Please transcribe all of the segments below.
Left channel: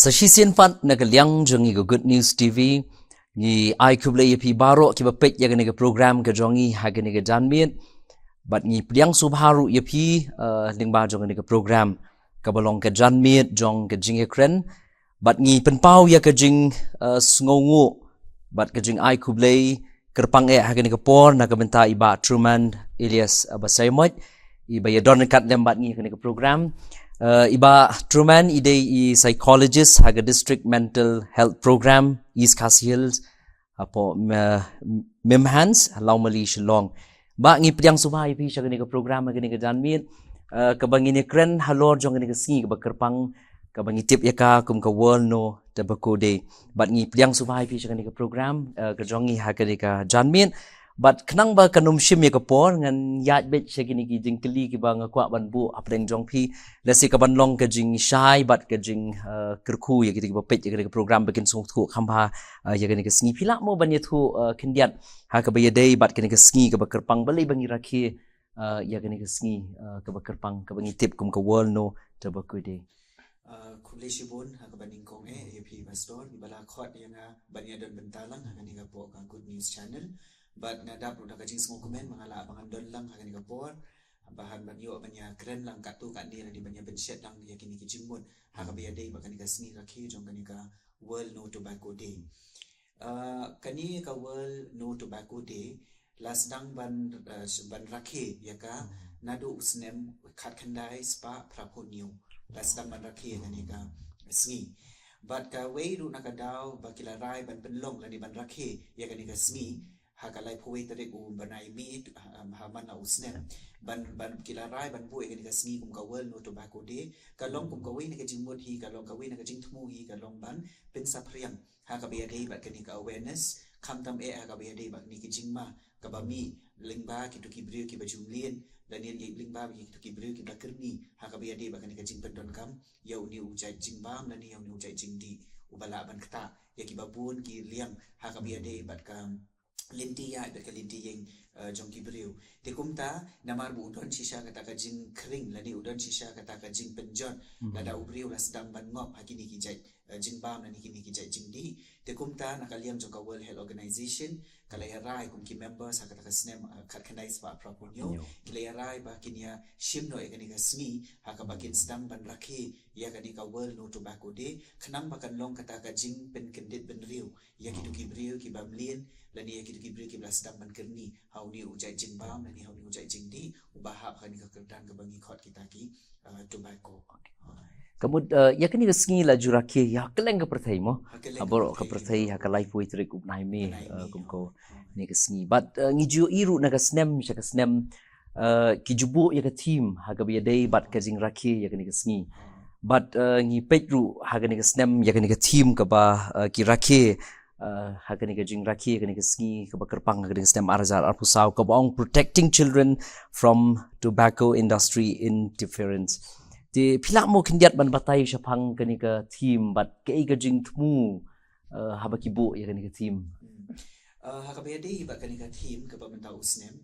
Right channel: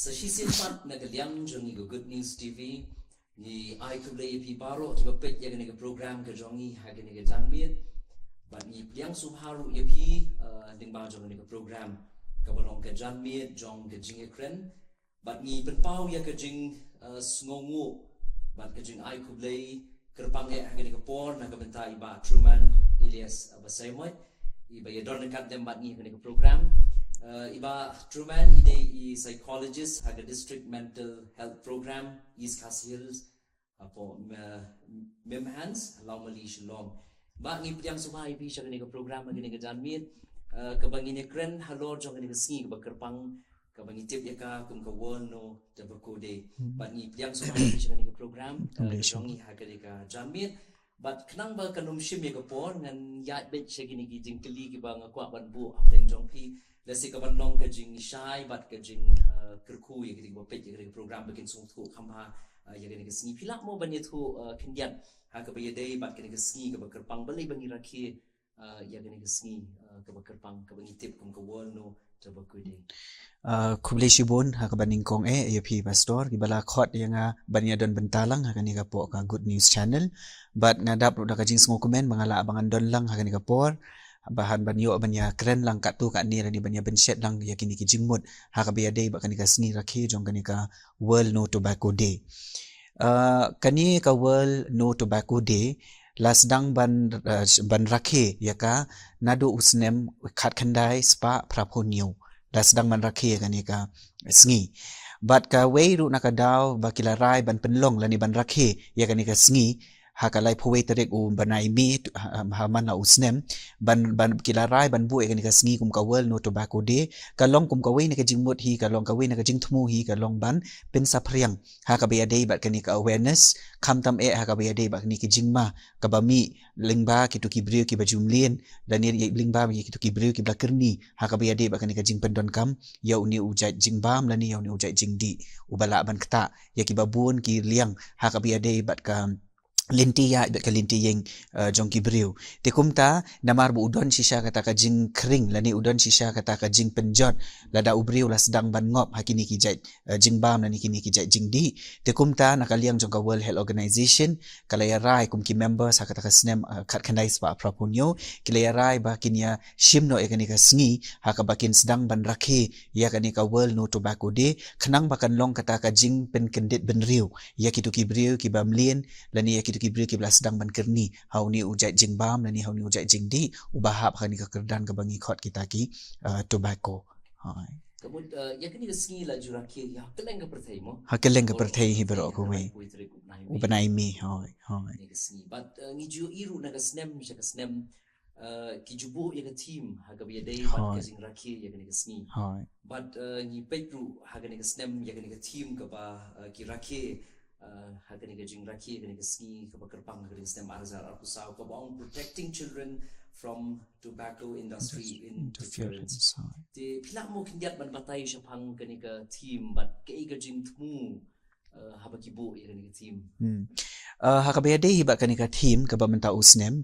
Sa sisian pat nagaliang jongi go Good News TV ni ai kuble yepi baro ki bapek ya gani program ke jongi hagani ke janmiet bat ni pliang subharu yepi lingba jongi ke program kabalong ke janmiet jong ke jinge kren bat ni penpau ya ke jing sngongu bat ke jing ai kuble kerpang hagani ke por na benta iba Truman Elias Abasaymot iba ya don kat lembat ni ke program iba Truman ide I psychologist haga district mental health program East Khasi Hills apo Mimhans Laumali Shillong ba ngi priang subay pi siya gani ka program gani ka janmit kabangi ni kren halor jong gani ka singi ka kerpang kabangi tip ya ka kum ka world no tabako day bat ngi priang subay pi siya gani ka program ka jongi haga ni ka janmit but kenang ba kanum shim ya kapor ngan yat bet shagini ki jing keli ki ba ngakwa ban bu apreng jong pi lesi ka ban long ka jing shai but ka jing kerku ya ki ba pet ya ka program bakin sung thu khamba ya ka ni ka sngi pila mo ban ya thu kendiat ha ka ba ya day but ka ni ka sngi ka ba kerpang bali bangi rakhi ya ka ni ka sngi ka ba kerpang ka bangi tip kum ka world no ta ba ku day kuble shibon ha ka baning kong AFP pastor gibala khot yang banya don bentalang ha kani ka po ka Good News Channel but ngadap ro ka jing sngo komen mangala abangan don lang ha kani ka por bahan banyo banya kren lang ka tu ka ni rani banya benset lang yakini ki jingmut ha ka biya day ba kani ka sngi rakhi jong kani ka World No Tobacco Day kani ka World No Tobacco Day lasdang ban rakhe yaka nado usnem khat khandai spa praponyo das sedang man rakhi kani ka sngi bat ka weiru nakadaw bakilaray ban penlong lani ban rakhi ya kani ka sngi hakalai phowei terek banai mi haman na usnem ban kilaray ban bu kani ka sngi kum ka World No Tobacco Day kalong kum ka wei na ka jingmut hi kalong ka wei na ka jingthmu hi kalong ban pen sapriang hakabaya day bat kani ka awareness khamtam hakabaya day bat kani ki jingma kabami lingba kitu kibriu ki bajumlien dan ni lingba mi kitu kibriu ki blakerni hakabaya day bat kani ka jing pendon kam ya uni ujai jingbam lani ya uni ujai jingdi ubala ban kata ya ki babun ki liang hakabaya day bat ka linti ya bet ka linti yang jong kibriu tekumta namar bu udon sisa kata ka jing kering lani udon sisa kata ka jing penjot lada ubriu la sedang ban ngop hakini ki jai jing bam lani kini ki jai jing di tekumta nakaliang jong ka World Health Organization kalaya rai kum ki members kata ka snem khat khandai spa prapunyo kilaya rai ba kinya shimno ekani ka sngi haka bakin sedang ban rakhe ya kani ka World No Tobacco Day khnang bakan long kata ka jing pen kendit benriu ya kitu kibriu ki bamlien lani ya kitu kibriu ki belas sedang ban kerni hauni ujai jingbam lani hauni ujai jingdi ubahap kani ka kerdan ka bangi khot kita ki tobacco kamud ya kani ka sngi la jurake ya keleng ka perthai mo hakeleng ka perthai hi bro ya kalai pui trik upnai me ni ka sngi but ngiju iru na ka snem sha ka snem ki jubu ya ka team ha ka biya day but ka jing rakhe ya kani ka sngi but ngi petru ha kani ka snem ya kani ka team ka ba ki rakhe hakani ka jing rakhi hakani ka sngi ka bakerpang hakani stem arzar arpusau ka bong protecting children from tobacco industry interference ti phila mo kindiat ban batai shapang kani ka team but ke ka jing thmu habaki bo ya kani ka team hakabaya day hiba kani ka team ka ba menta usnem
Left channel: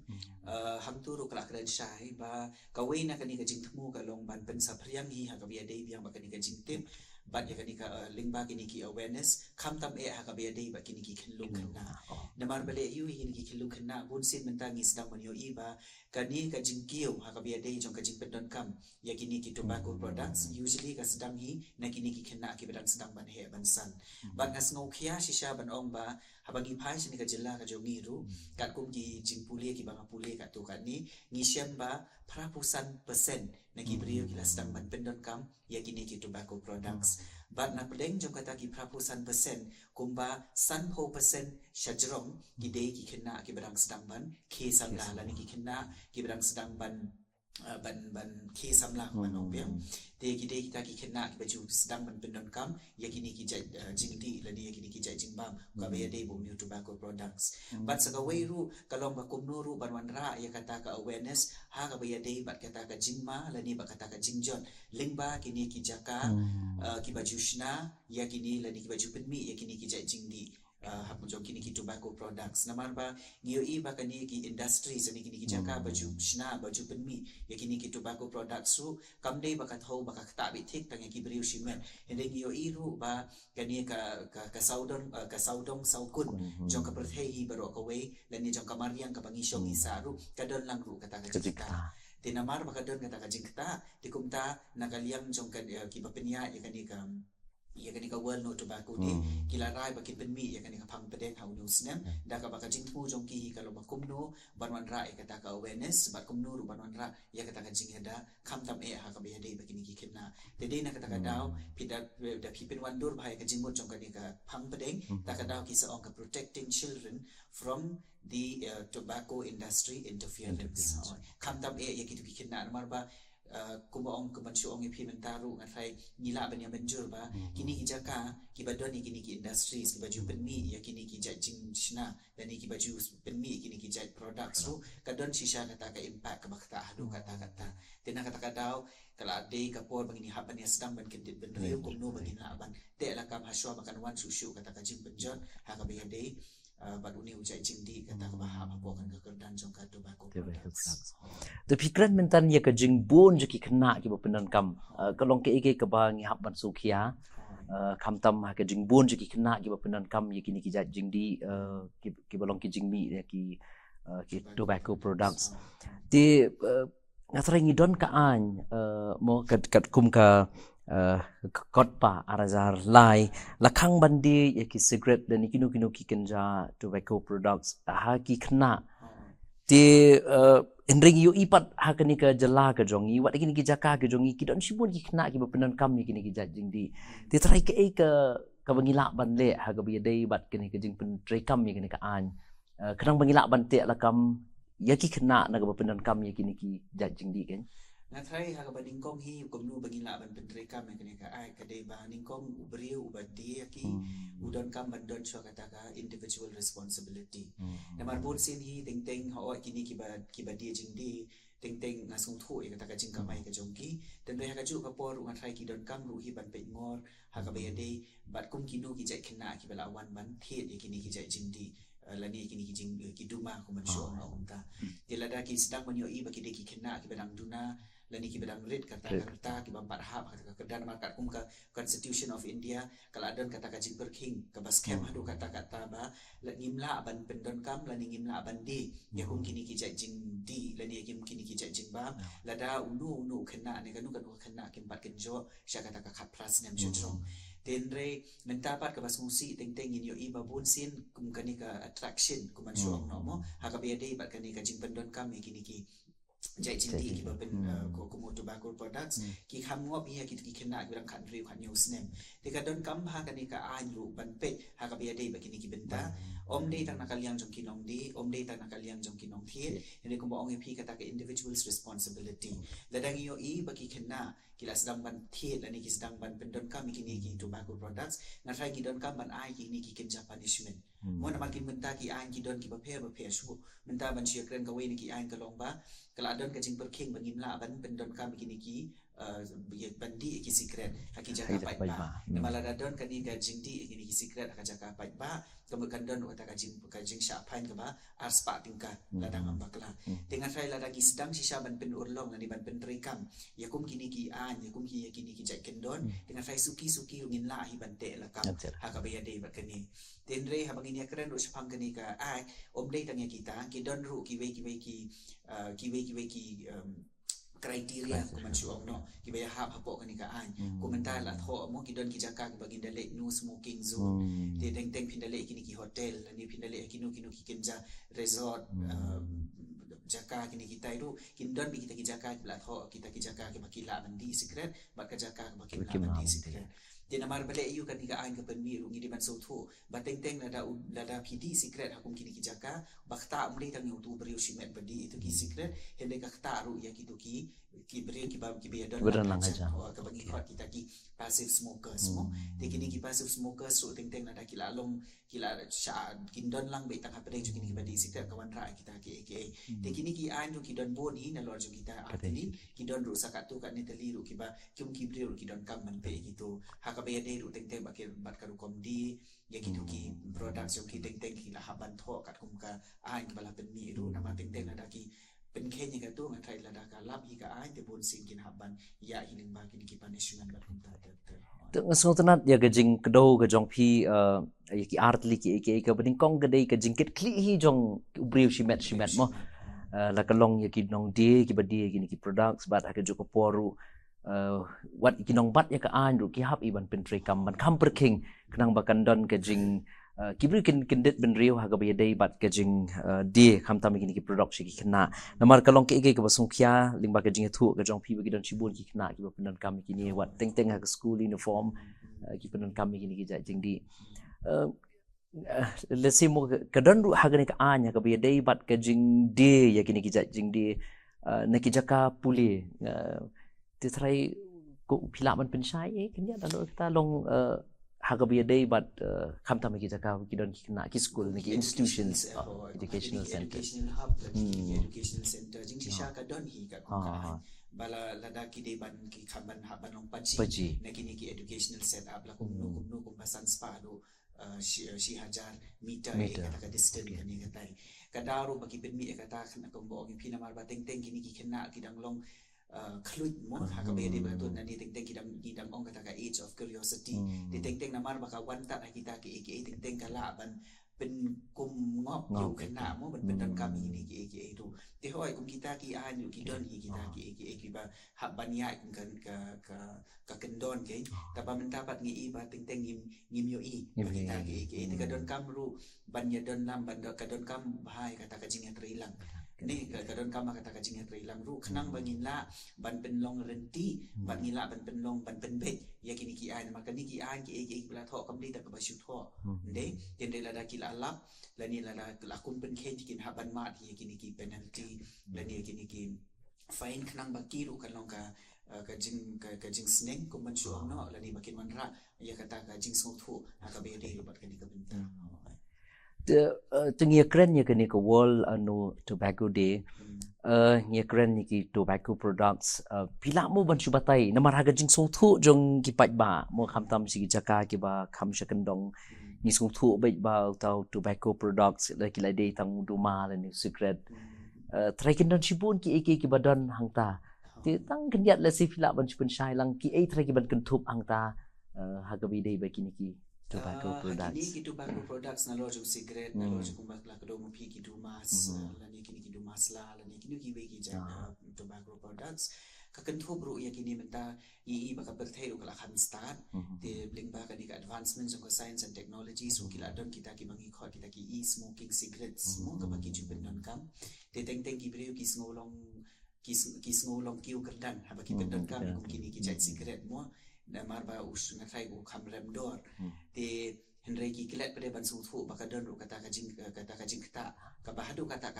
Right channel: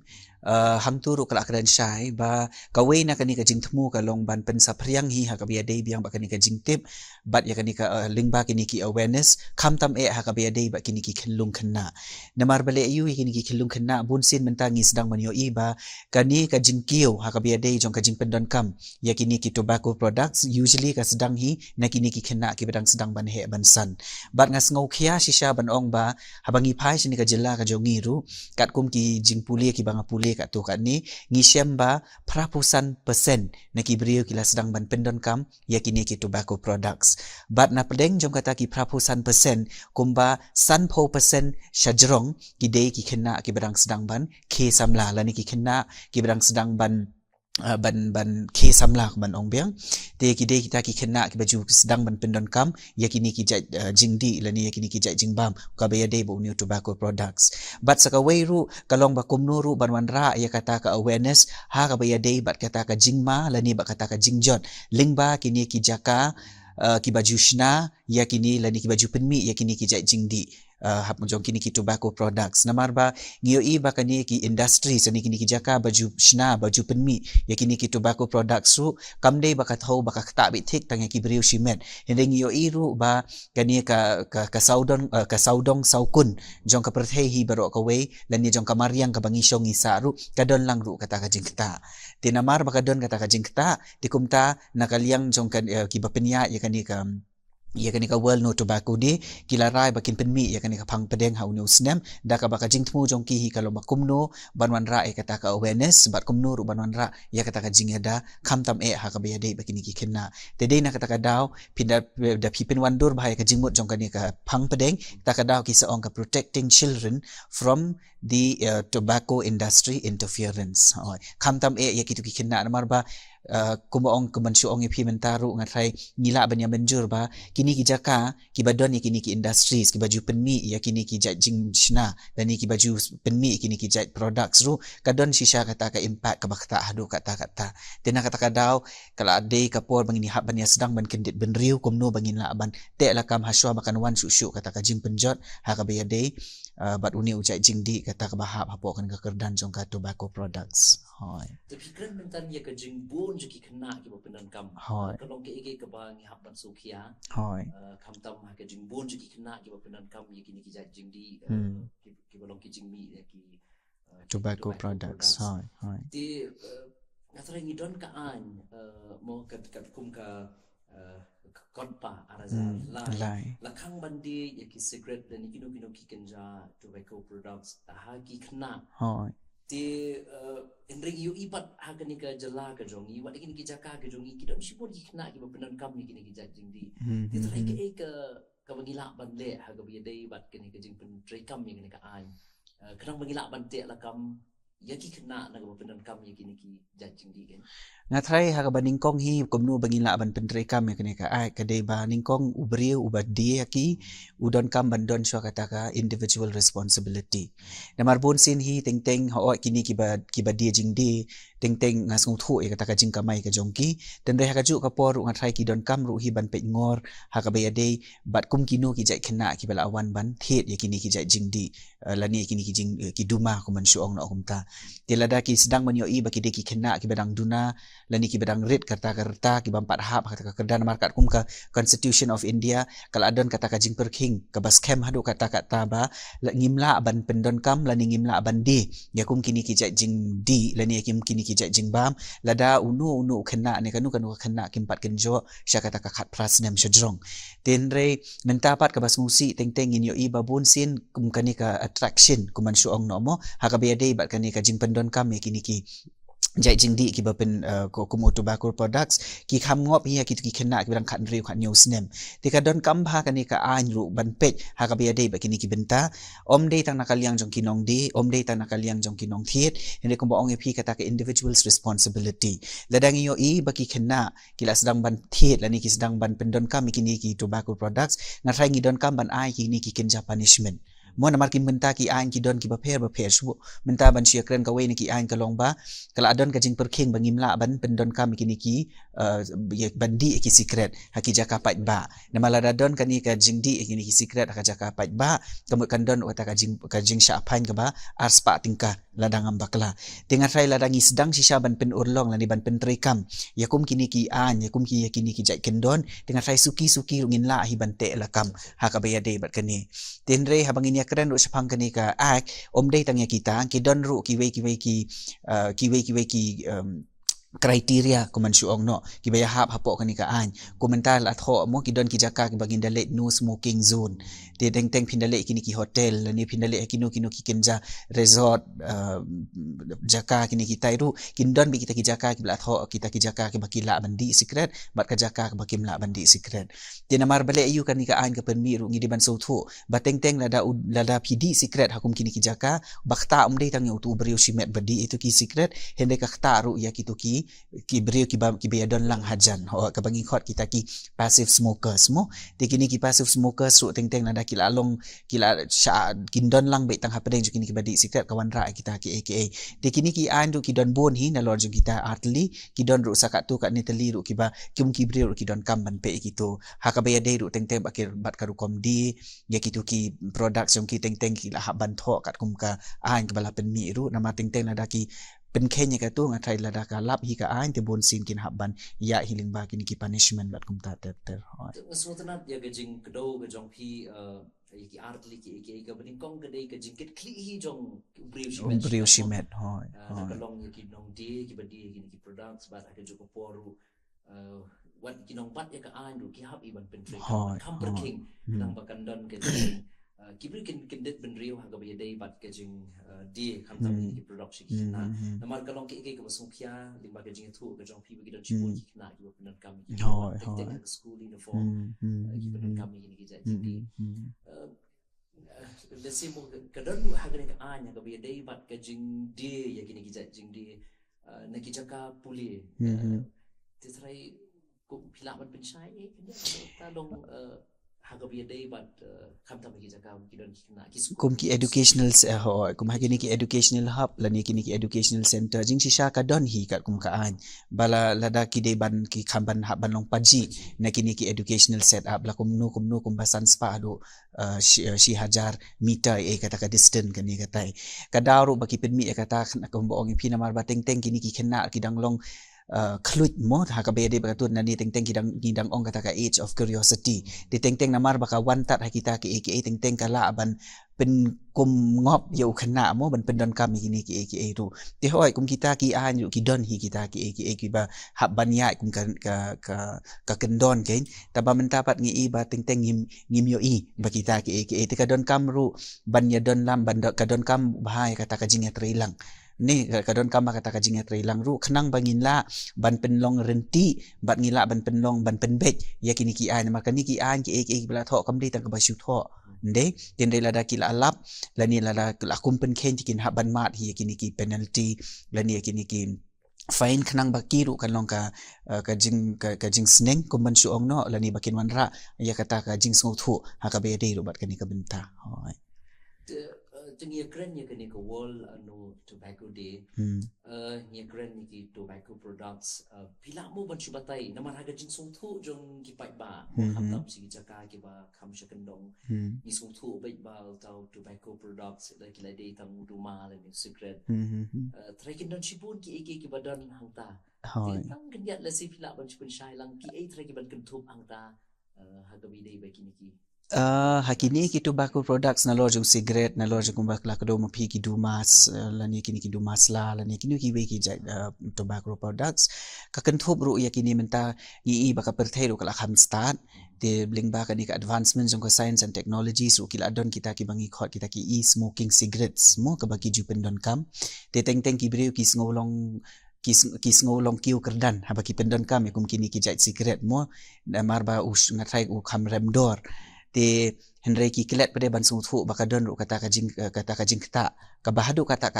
hangturu kala kadan syai ba kawei na kani ka jingthmu ka long ban pen sapriang hi hakabaya day biang ba kani ka jingtip bat ya kani ka lingba kini ki awareness khamtam hakabaya day ba kini ki khenlung khanna namar bale yu kini ki khenlung khanna bunsin mentangi sedang manyo iba kani ka jingkiu hakabaya day jong ka jingpendon kam ya kini ki tobacco products usually ka sedang hi na kini ki khenna ki badang sedang ban he ban san bat ngas ngau khia shisha ban ong ba habangi phai sini ka jilla ka jongiru kat kum ki jingpuli ki banga puli kat tu kat ni ngisem ba prapusan persen na ki brio kila sedang ban pendon kam ya kini ki tobacco products bat na pedeng jom kata ki prapusan persen kumba san po persen shajrong ki day ki kena ki badang sedang ban ke samla lani ki kena ki badang sedang ban ban ke samla ban ong biang te ki day kita ki kena ki baju sedang ban pendon kam ya kini ki jingdi lani ya kini ki jingbam ka baya day bo new tobacco products but saka weiru kalong ba kumnuru ban wanra ya kata ka awareness ha ka baya day bat kata ka jingma lani ba kata ka jingjot lingba kini ki jaka ki baju shna ya kini lani ki baju penmi ya kini ki jingdi hap jong kini ki tobacco products namar ba ngio i ba kani ki industry sani kini ki jaka baju shna baju penmi ya kini ki tobacco products ru kamdei ba ka thau ba ka ta bi thik tang ki briu shimet hende ngio i ru ba kani ka saudong saukun jong ka perthei hi baro ka wei lani jong ka mariang ka bangi shong isa ru kadon lang ru kata ka jikta tinamar ba kadon kata ka jingta tikumta nakaliang jong kan ki ba penya ya kani ka world no tobacco di kilarai bakin penmi ya kani ka phang pedeng hau no snem da ka baka jingtmu jong ki hi kalau makumno banwan ra kata ka awareness bat kumno ru banwan ra ya kata ka jingeda khamtam ha ka be bakin ki khenna te dei na kata ka daw pinda da pipin wandur bahaya ka jingmut jong kani ka phang pedeng ta ka daw ki sa ong ka protecting children from the tobacco industry interference khamtam ya kitu ki khenna namar ba kumaong kumansuong ipi mentaru ngatrai ngila banya menjur ba kini ki jaka ki badon kini ki industries ki baju penmi ya kini ki jing shna dan ki baju penmi kini ki jai products ru kadon shisha kata ka impact ka bakta hadu kata tena kata kadau kala ade kapor bangini hab banya sedang ban kendit benriu kumno bangin la ban te la kam haswa makan wan susuk kata ka jing penjot ha ka bayade bat uni ujai jingdi kata ka bahap hapo kan ka kerdan jong ka tobacco products tapi kran mentan ya ka jing bon je ki kena ki bepenan kam kalong ke ike ke bang hap ban sukhia kam tam ha ka jing bon je ki kena ki bepenan kam ya kini ki jat jing di ki balong ki jing mi ya ki tobacco products ti ngatrai ngidon ka an mo kat kum ka kot pa arazar lai lakhang bandi ya ki cigarette dan kinu ki kenja tobacco products ha ki kena ti enring yu ipat ha kani ka jala ka jongi wat kini ki jaka ka jongi ki don sibun ki kena ki bepenan kam kini ki jing di ti trai ke ka bangila ban le ha ka bi dei bat kini ka jing pen trai kam kini ka an kenang bangila ban te la kam ya ki kena na ka bepenan kam kini ki jing di kan ngatrai ha ka baningkong hi kumnu bangila ban pentrai kam kini ka ai ka dei ba ningkong ubriu ubat dia ki udon kam bandon swa kata ka individual responsibility namar bon sin hi teng ho kini ki ba dia jing di teng ngasung thu kata ka jing kamai ka jongki dan dei ha ka ju ka por ngatrai ki don kam ru hi ban pe ngor ha ka be dei bat kum kinu ki jai khena ki bala awan ban thet ya kini ki jai jing di lani kini ki jing ki duma ko man shuong na kumta tilada ki sedang menyo i baki de ki khena ki badang duna lani ki badang rit kata ki bampat hap kata ka kerdan markat kum ka Constitution of India kala adon kata ka jing perking ka bas kem hadu kata ba ngimla ban pendon kam lani ngimla ban di ya kum kini ki jai jing di lani kim kini ki jai jing bam lada unu khena ne kanu khena kimpat kenjo sya kata ka khat pras nem shadrong tenre mentapat ka bas musi teng in yo i babun sin kum kani ka attraction kuman shuong no mo hakabe dei bat kani ka jing pendon kam ya kini ki jai jing di ki bapen ko tobacco products ki kham ngop hi ki khena ki bang khat riu khat news nem ti ka don kam bha kani ka an ru ban pet ha ka be dei ba kini ki benta om dei tang nakaliang jong kinong di om dei tang nakaliang jong kinong thiet hende ko ong phi kata ka individuals responsibility ladang yo i ba ki khena ki la sedang ban thiet lani ki sedang ban pendon kam kini ki tobacco products ngatrai ngi don kam ban ai ki ni ki kenja punishment mo namar ki menta ki an ki don ki ba pher su menta ban sia kren ka we ni ki an ka long ba kala adon ka jing perking bangimla ban pendon kam kini ki bandi ki secret haki jaka pat ba namala dadon kani ka jingdi kini ki secret haka jaka pat ba kamu kandon wata ka jing sha pain ka ba arspa tingka ladang ambakla dengan rai ladangi sedang sisa ban pen urlong lani ban pen trekam yakum kini ki an yakum ki kini ki jai kendon dengan rai suki rungin la hi ban te lakam haka bayade bat kani tenre habangin ya keren ru sepang kani ka ak om dei tangya kita ki don ru ki we ki kriteria kuman shuong no ki baya hap hapo kani ka an komentar la tho mo ki don ki jaka ki bagin dale no smoking zone de teng pindale kini ki hotel ni pindale kinu ki kenja resort jaka kini kita iru kin don bi kita ki jaka ki la tho kita ki jaka ki bakila bandi secret bat ka jaka ki bakim la bandi secret de namar bale ayu kani ka an ka penmi ru ngi di ban so tho bateng lada pidi secret hakum kini ki jaka bakta umdei tang yu tu beriu simet badi itu ki secret hende ka khta ru ya ki tu ki ki brio ki bayadon lang hajan ka bagi khot kita ki passive smokers mo te kini ki passive smokers ru teng-teng nada kila long kila sha kindon lang be tang hapdeng jo kini ki badi secret kawan ra kita ki aka te kini ki an ru ki don bon hi na lor jo kita artli ki don ru sakat tu kat ni teli ru ki ba kum ki brio ru ki don kam ban pe gitu ha ka bayade ru teng-teng bakir bat karu kom di ya kitu ki products jong ki teng-teng ki la ban tho kat kum ka an ke bala pen mi ru nama teng-teng nada ki pen kenya ka tu ngatai lada ka lap hi ka an te bon sin kin habban ya healing ba kin ki punishment bat kum ta ter so tanat ya gajing kedo ke jong phi ya ki artli ki ka bading kong gade ka jingkit kli hi jong ubriu shimet mo la kalong ya ki nong di ki badi ki ni ki products bat ha ke joko poru wat ki nong bat ya ka an ru ki hap iban pen tre kam ban kam per king nang bakan don ke jing kibri kin det ben rio ha ga be dei bat ke jing di kham tam ki product ki kena namar kalong ke ke basung khia ling ba ke jing thu ke jong phi ki don chibun ki kena ki pen kam ki ni wat teng teng ha school uniform ki pen kam ki ni ki ja jing di let's say mo ka don ru ha ga ni ka anya ka be dei bat ke jing di ya ki ni ki ja jing di na ki jaka puli ti trai ko phila man pen sai kan ya ta long hagabi day but kham tam ki jaka ki don ki na ki school kum ki educational kum ha ki educational hub la ni ki educational center jing shisha ka don hi kat kum ka an bala lada ki de ban ki kham ban ha ban long paji na ki educational set up la kum kum basan spa do shi hajar meter kata ka distance kan ni katai kadaru baki pen mi kata kum boong pi namar bateng teng ki kena ki dang long klut mo ha ka be de bakatun nani teng-teng kidang ong kata ka age of curiosity di teng-teng namar baka wantat ha kita ki aka teng-teng kala ban pen kum ngop yo khana mo ban pen don kam ni ki aka tu ti hoi kum kita ki an yu ki don hi kita ki aka ki ba hab ban ya kum ka kendon ke ta ba menta pat ngi ba teng-teng ngim yo i ba kita ki aka ti ka don kam ru ban ya don lam ban ka don kam bahai kata ka jing ya trilang ni kadon kama kata ka jingat rilang ru khnang bangin la ban penlong renti bat ngila ban penlong ban penbet ya kini ki an maka ni ki an ki ek bla tho kam dei tang ka ba shu tho nde den dei la da ki la alap la ni la da la kum pen khen kin ha ban mat hi kini ki penalty la ni kini ki fine khnang baki ru kan long ka jing sneng kum ban shu ong no la ni bakin wan ra ya kata ka jing sngo thu ha ka be dei ru bat kani ka benta tengia keren ya kini ke world tobacco day ngia keren ni ki tobacco products pila mo ban subatai namar haga jing song thu jong ki pat ba mo kham tam si jaka ki ba kham shakandong ni song thu bai ba tau tobacco products la ki la day tang duma la ni secret trai kin don shibun ki ki badan hangta ti tang kan yat la si pila ban shibun shai lang ki trai ki ban kan thup hangta haga bi day ba kini ki hakini ki tobacco products na lojung cigarette na lojung kumbak la kado mo pi ki dumas la ni kini ki dumas la ni kini ki we ki tobacco products ka kan thop ru ya kini menta i baka perthai ru kala kham start te bling ba ka ni ka advancements jong ka science and technologies ru kila don kita ki bangi khot kita ki e smoking cigarettes mo ka baki jupen don kam te teng ki breu ki ngolong kis ngolong kiu kerdan haba ki pendon kam kum kini ki jait cigarette mo mar ba us ngatai u kham rem dor te henry ki kelet pada ban sung thu baka don ru kata ka jing kata ka bahadu kata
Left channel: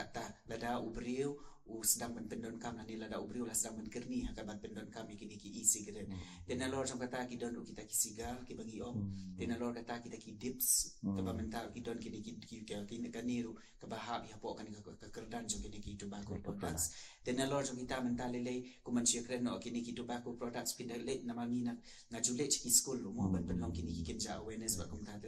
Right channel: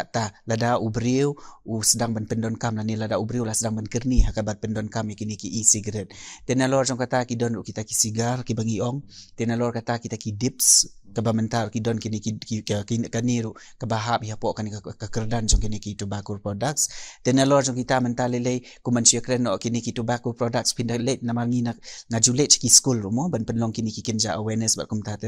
lada ubriu u sedang ban pendon kam ni lada ubriu la sedang ban kerni hakabat pendon kam kini ki e-cigarette tenalor jong kata ki don ru kita ki sigar ki bangi ong tenalor kata kita ki dips ka ba mentar ki don kini ki kaniru ka bahab ya po kan ka kerdan jong kini ki tobacco products tenalor jong kita mental lele ku manusia kren no kini ki tobacco products pindah let namangi nak ngajulet ki school mo ban penlong kini ki kenja awareness ba kum ta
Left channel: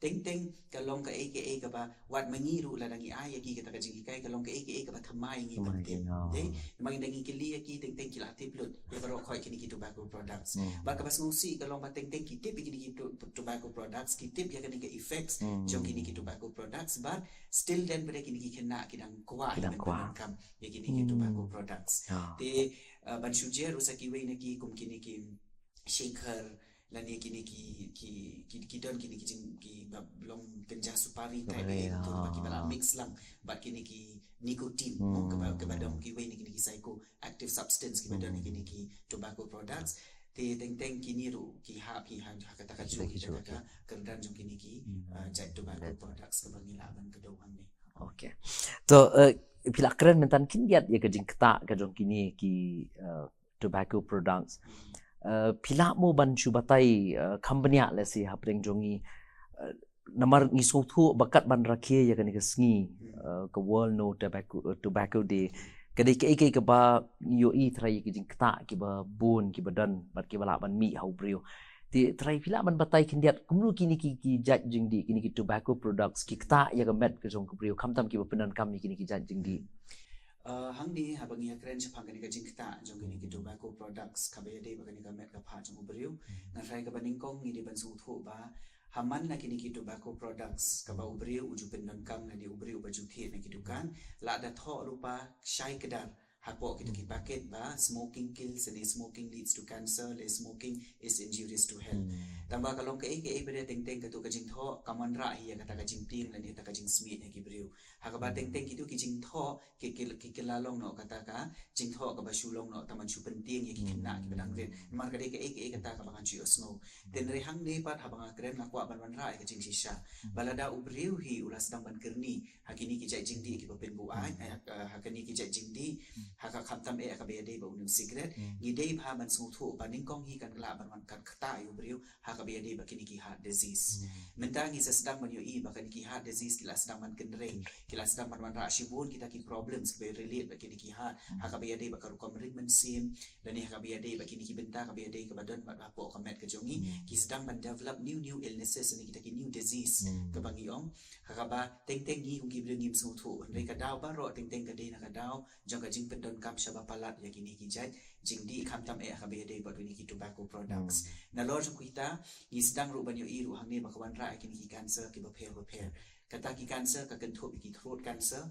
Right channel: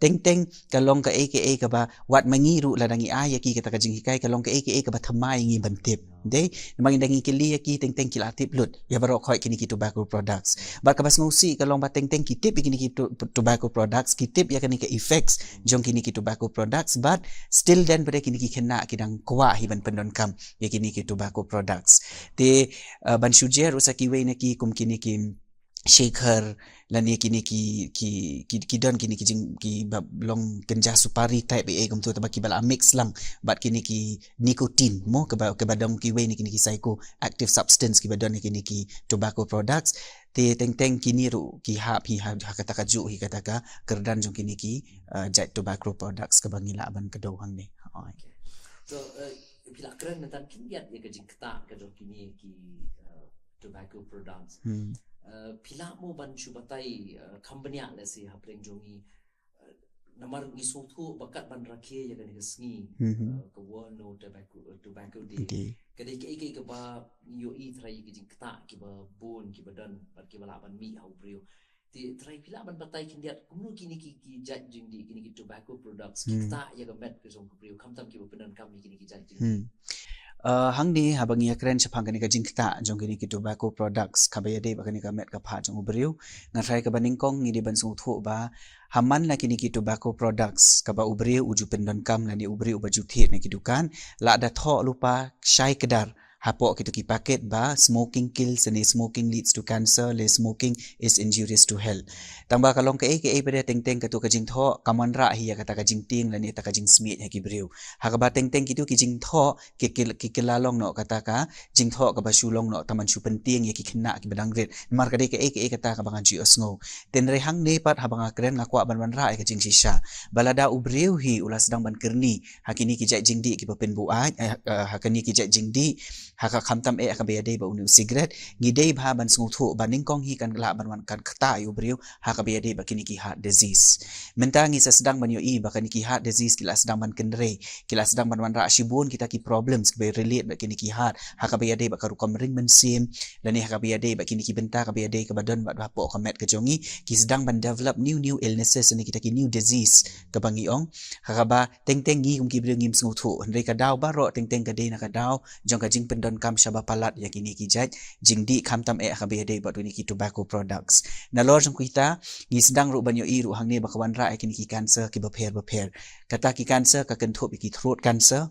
teng kalong ka aka ka ba wat mangiru ladangi aya ki kata ka jing hikai kalong ka aka ka ba thamai ngi bantip de mangi dangi kili ki teng ki latip lut ya barok khoi kini ki tobacco products ba ka bas ngusi kalong ba teng ki tip kini ki tobacco products ki tip ya kini ka effects jong kini ki tobacco products but still then pada kini ki kena kidang kwa hi ban pendon kam ya kini ki tobacco products te ban sujer usaki we na ki kum kini ki shaker lani kini ki don kini ki jing ki long kenja supari type a kum tu tabaki bala mix lang but kini ki nicotine mo ke badong ki we ni kini ki psycho active substance ki badon kini ki tobacco products te teng kini ru ki kata ka ju hi kata ka kerdan jong kini ki jat tobacco products ke bangila ban ke dohang ni okay so pila keren mentan kindiat ya kejing keta kejong kini ki tobacco products pila mo ban chubatai company la si hapring jongi namar ngisong thu bakat ban rakhe ya kan kesngi ke world no tobacco day kadai ke ba yo i trai ki jing keta ki ba bun ki badan bat ki bala ban mi hau brio ti trai pila ban batai kindiat kumru kini ki jat jing di kini ki tobacco products ki keta ya gamet ke jong brio kam ki penan kam kini ki jat jing di hang ni habang ya kren chapang kani ka jingkta jong kini ki tobacco products kabaya de bakani ka met ka pha jong ubriu ngatrai ka baning kong ni de ban sung thu ba haman la kini ki tobacco products ka ba ubriu uju pendon kam la ni ubriu ba jukthi na ki dukan la da tho lupa shai kedar hapo kitu ki paket ba smoking kills and smoking leads to cancer le smoking is injurious to health tamba kalong ke pada teng ka tu ka jing tho kamanra hi ka ta ka jing ting la ni ta ka jing smit ha ki breu ha ka ba teng kitu ki jing tho ki lalong no kata ka jing tho ka ba shulong no taman chu penting ya ki khna ki badang ret mar ka de ke kata ka bangan ji osngo ten re hang ne pat ha banga kren nga kwa ban ra ka jing shisha balada ubreu hi ulas dang ban kerni hakini ki jai jing di ki pen bu a hakani ki jai jing di haka khamtam ka be de ba unu cigarette ngidei bha ban sung thu baning kong hi kan la ban kan khata yu breu haka be de ba kini ki heart disease mentangi sedang ban yo i ba kini ki heart disease kila sedang ban kenre kila sedang ban ra shibun kita ki problems be relate ba kini ki heart haka be de ba ka rukom ring men sim lani haka be de ba kini ki benta ka be de ka badan ba po ka met ka jongi ki sedang ban develop new illnesses ni kita ki new disease ka bangi ong haka ba teng ngi kum ki breu ngim sung thu re ka daw ba ro teng ka de na ka daw jong ka jing don kam shaba palat ya kini ki jat jingdi khamtam ka be de ba tu ni ki tobacco products na lor jong kita ngi sedang ru ban yo i ru hang ne ba kawan ra kini ki cancer ki ba pher kata ki cancer ka kan thop ki throat cancer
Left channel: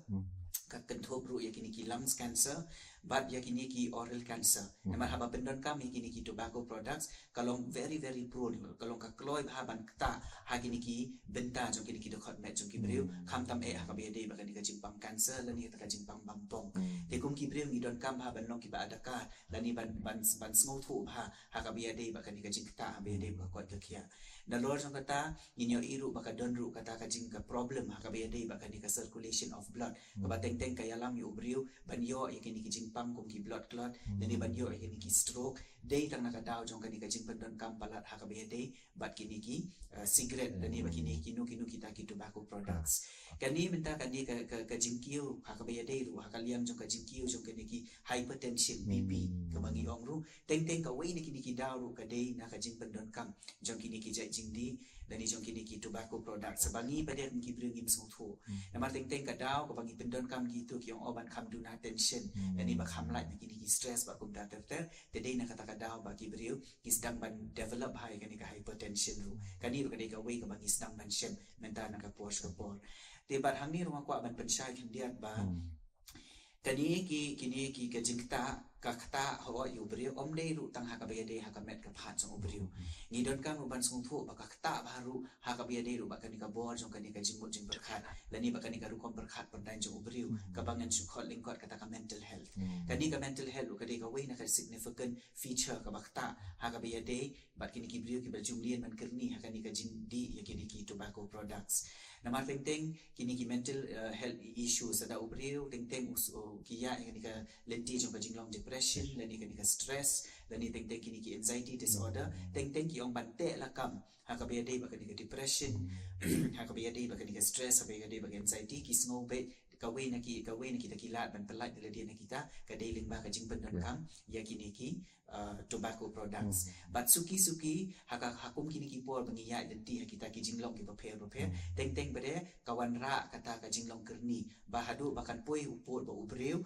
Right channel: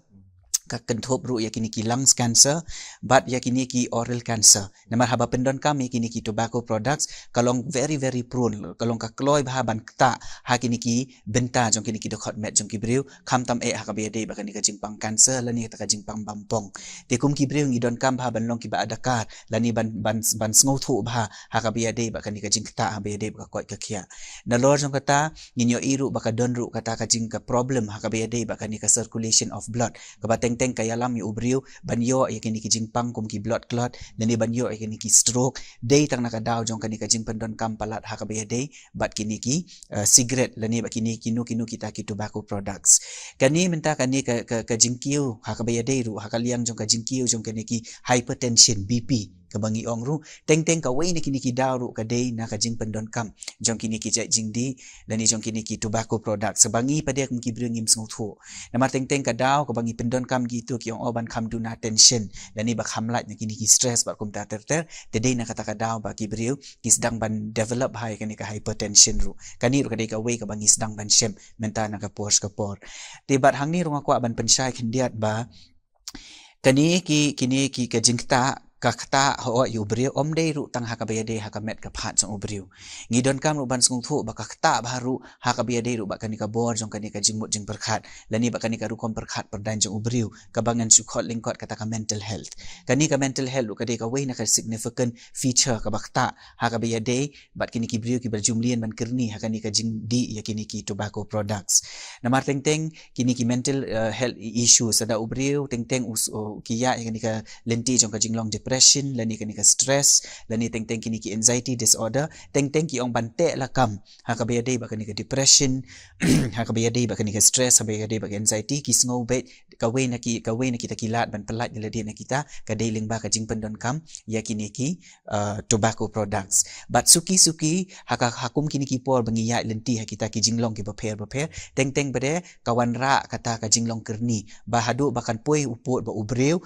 ka kenthop ru ya kini ki lungs cancer but ya kini ki oral cancer namar haba pendon kami kini ki tobacco products kalong very prone kalong ka kloi ba ban ta ha kini ki benta jong kini ki dokot met jong ki breu khamtam ha ka be de ba kini ka jingpang cancer lani ta ka jingpang bampong te kum ki breu ngi don kam ba ban long ki ba adakar lani ban sngo thu ba ha ka be de ba kini ka jingta ha be de ba koi ka khia na lor jong kata nginyo iru ba ka don ru kata ka jing ka problem ha ka be de ba kini ka circulation of blood ka ba teng kaya lam yu ubriu banyo ay kini ki jingpang kum ki blood clot lani banyo ay kini ki stroke day tang nakadaw jong kani ka jingpan don kampalat hakabaya day bat kini ki cigarette lani ba kini kinu kita ki tobacco products kani menta kani ka jingkiu hakabaya day ru hakaliang jong ka jingkiu jong kani ki hypertension BP kabangi ong ru teng ka way ni kini ki daw ru ka day na ka jingpan don kam jong kini ki jai jingdi lani jong kini ki tobacco products sabangi pada kum ki bringim snguthu namar teng ka daw kabangi pendon kam gitu ki ong oban kam do na tension lani ba kham lat kini ki stress ba kum ta ter tedei na kata ka daw ba ki breu ki sedang ban develop high kani ka hypertension ru kani ru kadai ka way ka bangi sedang ban shem menta na ka por te bat hang ni ru kwa ban pensyai khindiat ba kani kini ki ka jingta kakta ho yu breu om dei ru tang hakabaya dei hakamet ka phat jong breu ngidon kam ru ban sung thu ba kakta baru hakabaya dei ru ba kani ka bor jong kani ka jingmut jing perkhat lani ba kani ka ru kom perkhat perdan jong breu ka bangan sukhot lingkot kata ka mental health kani ka mental health ru kadai ka way na ka significant feature ka bakta hakabaya dei bat kini ki breu ki berjumlian ban kerni hakani ka jing di ya kini ki tobacco products namar teng kini ki mental health issues ada ubreu teng kiya kini ka lenti jong ka jinglong depression lani kini ka stress lani teng kini ki anxiety disorder teng ki ong bante lakam hakabaya dei ba kini ka depression hakabaya dei ba kini ka stress hakabaya dei ba anxiety ki sngo bet kaway na kita kilat ban pelat nila dia na kita ka dei ling ba ka jing pendon kam ya kini ki tobacco products but suki hakum kini ki por bangi ya lenti ha kita ki jinglong ki ba pher teng bade kawan ra kata ka jinglong kerni ba hadu bakan poi upot ba ubreu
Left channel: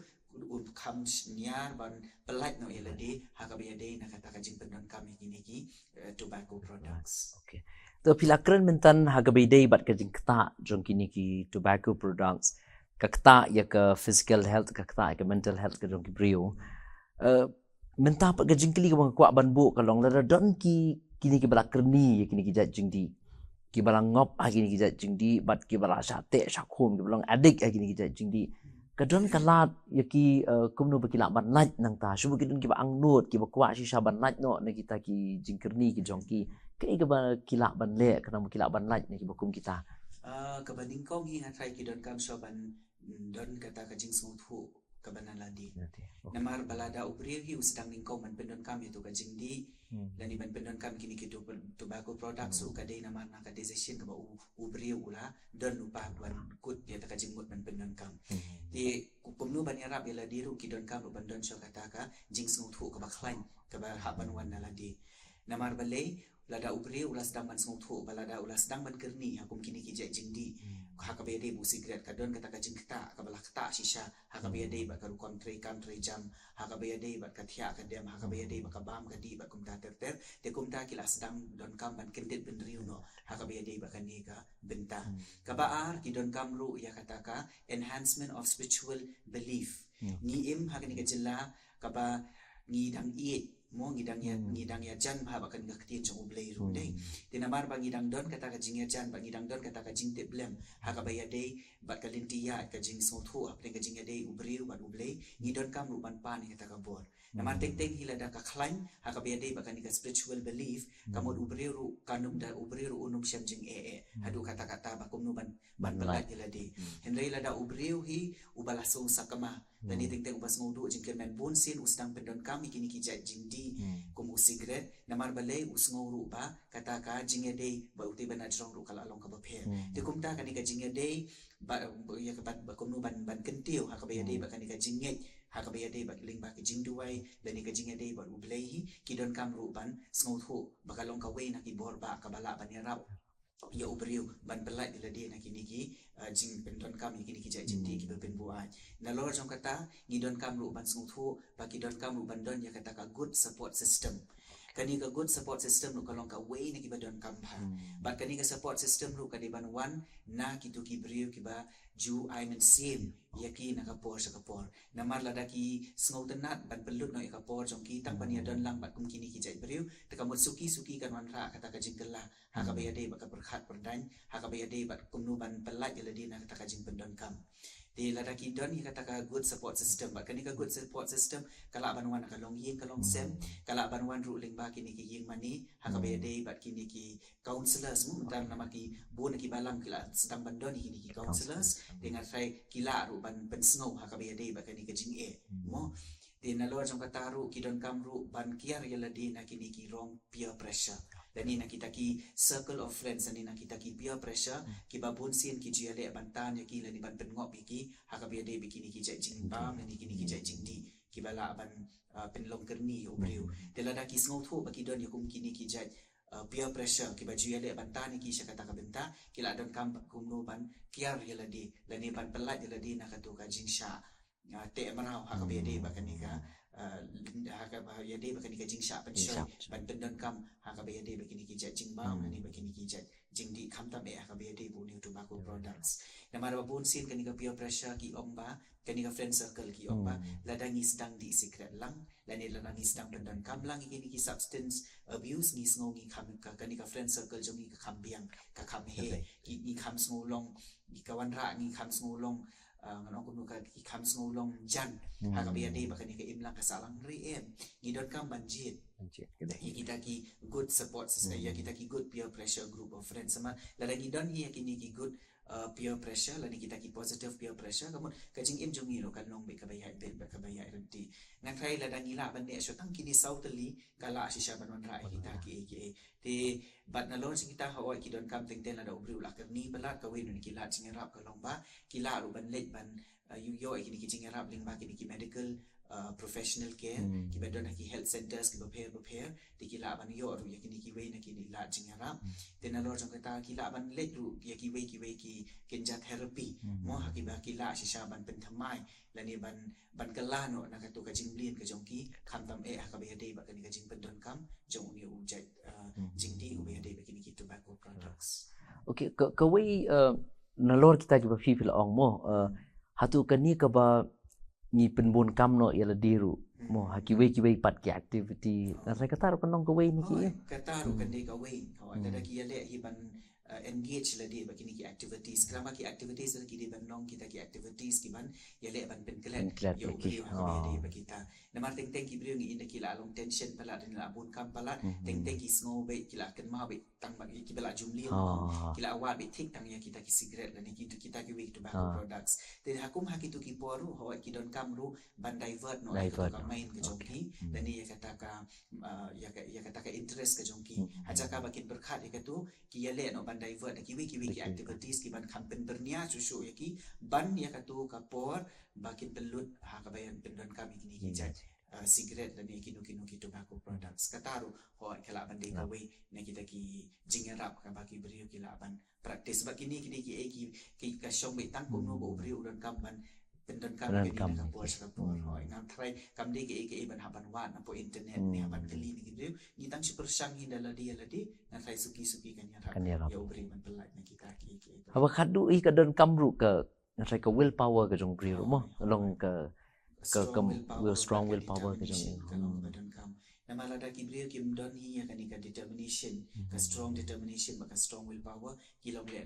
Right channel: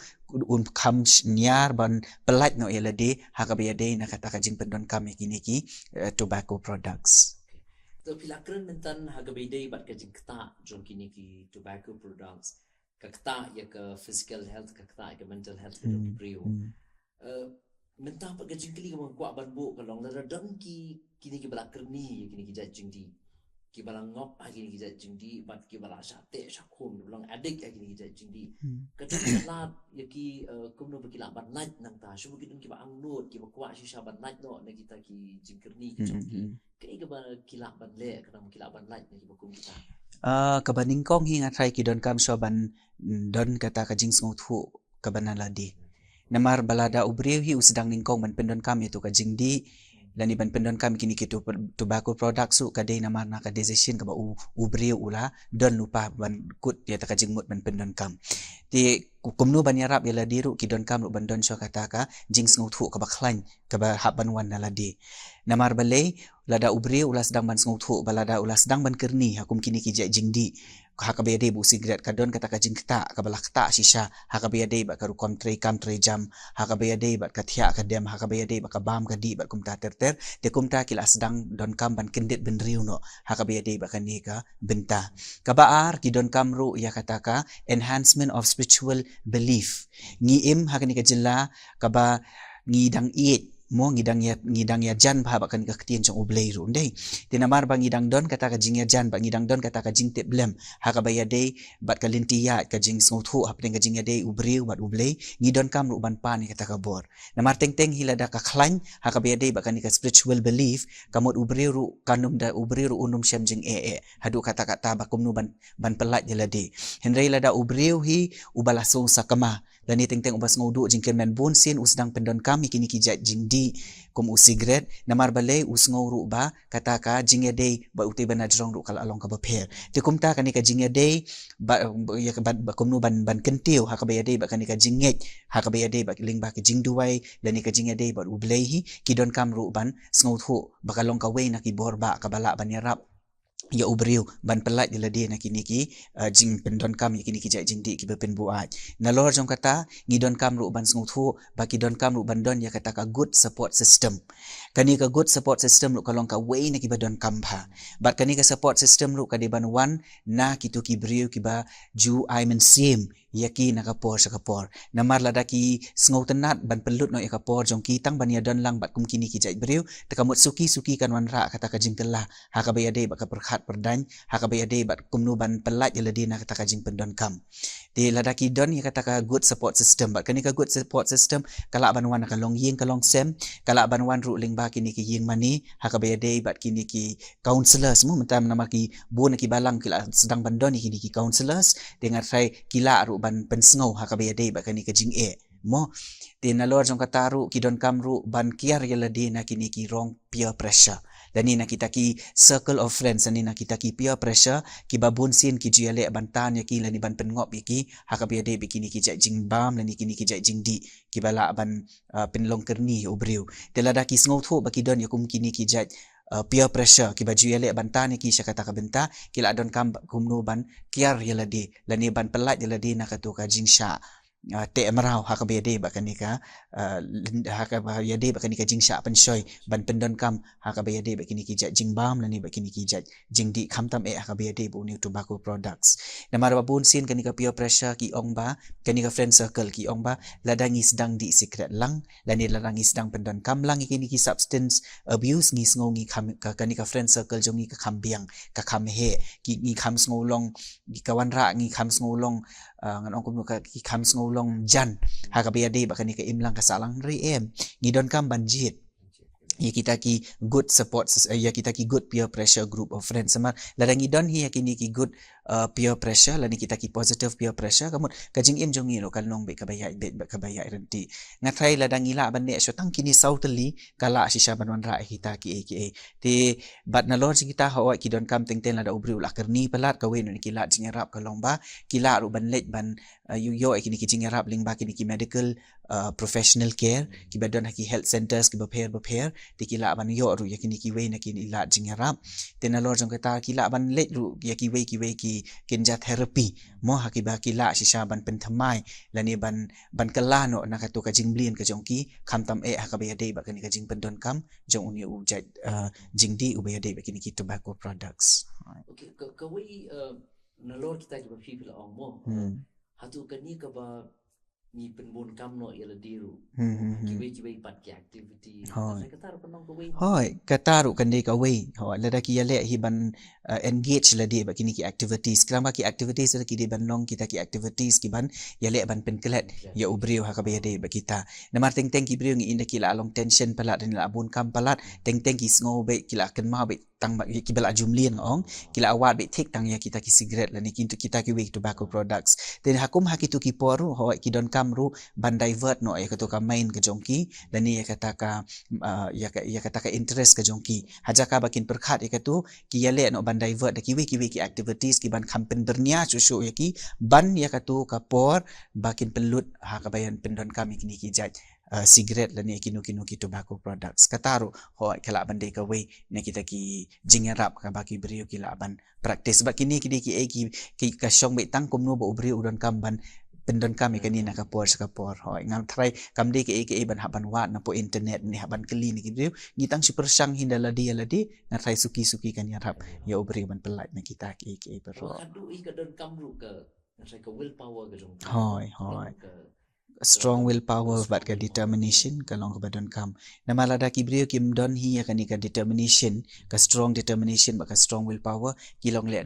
kam nyar ban pelat no elade hakabaya dei na kata ka jing pendon kam kini ki tobacco products okay to pila keren mentan hakabaya dei bat ka jing kta jong kini ki tobacco products kakta ya ke physical health kakta ya ke mental health ke jong ki brio menta pa ka jing kili ka kwa ban bu kalong la don ki kini ki bala kerni ya kini ki jat jing di ki bala ngop kini ki jat jing di bat ki bala sate shakum ki bala adik kini ki jat jing di kadon kalat ya ki kumno ba kila ban laj nang ta shubu ki dun ki ba ang nut ki ba kwa shisha ban laj no na kita ki jing kerni ki jong ki kai ka ba kila ban le kana ba kila ban laj ni ki ba kum kita kabaning kong hi nga try ki don kam so ban don kata ka jing sngo thu ka banaladi namar balada ubriu hi usdang ningkong ban pendon kam itu ka jing di lani ban pendon kam kini kitu tobacco product su ka dei namar na ka decision ka ba ubriu ula don lupa ban kut ya ta ka jing mut ban pendon kam ti kumnu ban yarap ya ladiru ki don kam lu ban don syo kata ka jing sngo thu ka ba khlain ka ba hab ban wan naladi namar balai lada ubriu ula sedang ban sngo thu balada ula sedang ban kerni hakum kini ki jing di hakabede bu sigret kadon kata ka jing kta ka balak ta shisha hakabede ba karu kontre kam tre jam hakabede ba kathia ka dem hakabede ba ka bam ka di ba kumta terter de kumta kila sedang don kam ban kendit ben riu no hakabede ba kani ka benta ka baar ki don kam ru ya kata ka enhancement of spiritual belief ngi im hakani ka jilla ka ba ngi dang it mo ngidang ya jan ba kan ka ktien chong ublei ru ndei tinamar bang ngidang don kata ka jing ya jan ba ngidang don kata ka jing te blem ha ka baya dei bat ka lintia ka jing snothu hapeng ka jing ya dei ubriu bat ublei ngidon kam ru ban pa ni kata ka bor namar teng teng hilada ka khlain ha ka baya dei ba kan ka spiritual belief kamot ubriu ru kanum da ubriu ru unum syam jing hadu kata kata ba kumnu ban pelat jelade henrei lada ubriu hi ubala song sakama dan ni teng-teng ubas ngodu jingken men bonsin usdang pendon kami kini kijat jingdi kum usigret namar balai usngau ba kata ka jingya dei ba uti bana jrong ru kala along ka bapher ti kumta kani ka jingya dei ba ya ka ba kumnu ban kentiu ha ka ba dei ba kani ka jingget ha ka ba dei ba ling ba ki jingduai dan ni ka jingya dei ba ublei hi kidon kam ru ban sngu thu ba kalong ka wei na ki bor ba ka bala ban yarap ya ubriu ban pelat jela dia nak kini ki jing pendon kam kini ki jai jindi ki bepen buat na lor jong kata ngidon kam ru ban sngu baki don kam ru ban don ya kata ka good support system kani ka good support system ru kalong ka wei na ki badon kam pha bat kani ka support system ru ka di ban wan na kitu ki briu ki ba ju I men sim yaki nakapor sa kapor namar lada ki sngo tenat ban pelut no yakapor jong ki tang ban ya don lang bat kum kini ki jai briu takamut suki kan wan ra kata ka jing telah ha ka bayade ba ka perkhat perdan ha ka bayade bat kumnu ban pelat jeladi na kata ka jing pendon kam ti lada ki don ya kata ka good support system bat kani ka good support system kala ban wan ka long ying ka long sem kala ban wan ru ling ba kini ki ying mani ha ka bayade bat kini ki counselors mu mentam nama ki bon ki balang kila sedang ban don kini ki counselors dengan sai kila ru ban pensngau ha ka bayade ba kani ka jing mo ti na lor jong kataru ki don kam ru ban kiar yeladi na kini ki rong peer pressure dan ni nak kita ki circle of friends ni nak kita ki peer pressure ki babun sin ki jiale bantan ya ki lani ban pengop ki ha ka bayade bikini ki jai jing bam lani kini ki jai jing di ki bala ban penlong kerni ubriu telada ki sngo thu baki don yakum kini ki jai peer pressure ki baju yale bantan ki syakata ka benta kila don kam kumno ban kiar yeladi lani ban pelat yeladi nak tu ka jing sha te emerau ha ka bayade ba kanika ha ka bayade ba kanika jing sha pensoi ban pendon kam ha ka bayade ba kini ki jat jing bam lani ba kini ki jat jing di kham tam ha ka bayade bu new tobacco products namar ba bun sin kanika peer pressure ki ong ba kanika friend circle ki ong ba ladangi sedang di secret lang lani ladangi sedang pendon kam lang kini ki substance abuse ngi sngo ngi kham kanika friend circle jong ngi ka kham biang ka kham he ki ngi kham sngo long ki kawan ra ngi kham sngo long ngan ong kum ka ki kham sngo long jan ha ka bayade ba kanika imlang ka salang ri ngidon kam banjit ya kita ki good support ya kita ki good peer pressure group of friends sama ladangi don hi yakini ki good peer pressure lani kita ki positive peer pressure kamu kajing im jongi lo kalong be kabaya renti ngathai ladangi la banne so tang kini sauteli kala shisha banwan ra kita ki aka ti bat na lor kita hawa ki don kam teng ten lada ubri ula kerni pelat kawen ni kila jingarap kalong ba kila ru ban let ban yo kini ki jingarap ling ba kini ki medical professional care ki badon ki health centers ki bapher ti kila ban yo ru yakini ki we na kini ila jingarap ten na lor jong kata kila ban let ru yaki we ki kinja therapy mo hakiba kila shisha ban penthamai lani ban kalano nakatu ka jingblin ka jongki khamtam hakabaya ba kani ka jing pendon kam jong uni ujat jingdi ubaya ba kini ki tobacco products okay ka we nalor kita juga people ong mo hatu kani ka ba ni penbun kam no yala diru mo kiwe pat ki activity na saya kata penong ka we hoi kataru kan dei ka we ho lada ki yale hi ban engage la di bagi ki activities kelama ki activities la ki di ban long kita ki activities ki ban ya le ban pen kelet ya ubriu ha ka be de bagi kita namar teng teng ki briu ngi inda ki la long tension palat dan la abun kam palat teng teng ki sngo be ki la ken ma be tang ki bela jumlien ong kila awat be tik tang ya kita ki cigarette la ni kita ki week tobacco products then hakum hakitu ki poru ho ki don kam ru ban divert no ai ka main ke jongki dan ni ya kata ka ya kata ka interest ke jongki haja ka bakin perkhat ya katu ki ya le no ban divert ki week ki activities ki ban kampen bernia susu ya ki ban ya katu ka por bakin pelut ha ka bayan pendon kami kini ki jaj cigarette la ni kinu ki tobacco products kataru ho kala bandai ka we ne kita ki jingarap ka baki beriu ki la ban practice sebab kini ki ka syong be tang kum no bo beriu udon kamban pendon kami kini nak kapor ho ngam try kam de ki ban haban wat na po internet ni haban keli ni ki beriu ngitang super syang hindala dia ladi ngan try suki kan ya rap ya beriu ban pelat na kita ki apa khadu i ka don kamru ka ngai ka willpower ka jong beriu long ka strong willpower but ka determination ka long ka don kam namala da ki brio kim don hi ya ka determination ka strong determination ba ka strong willpower kilong le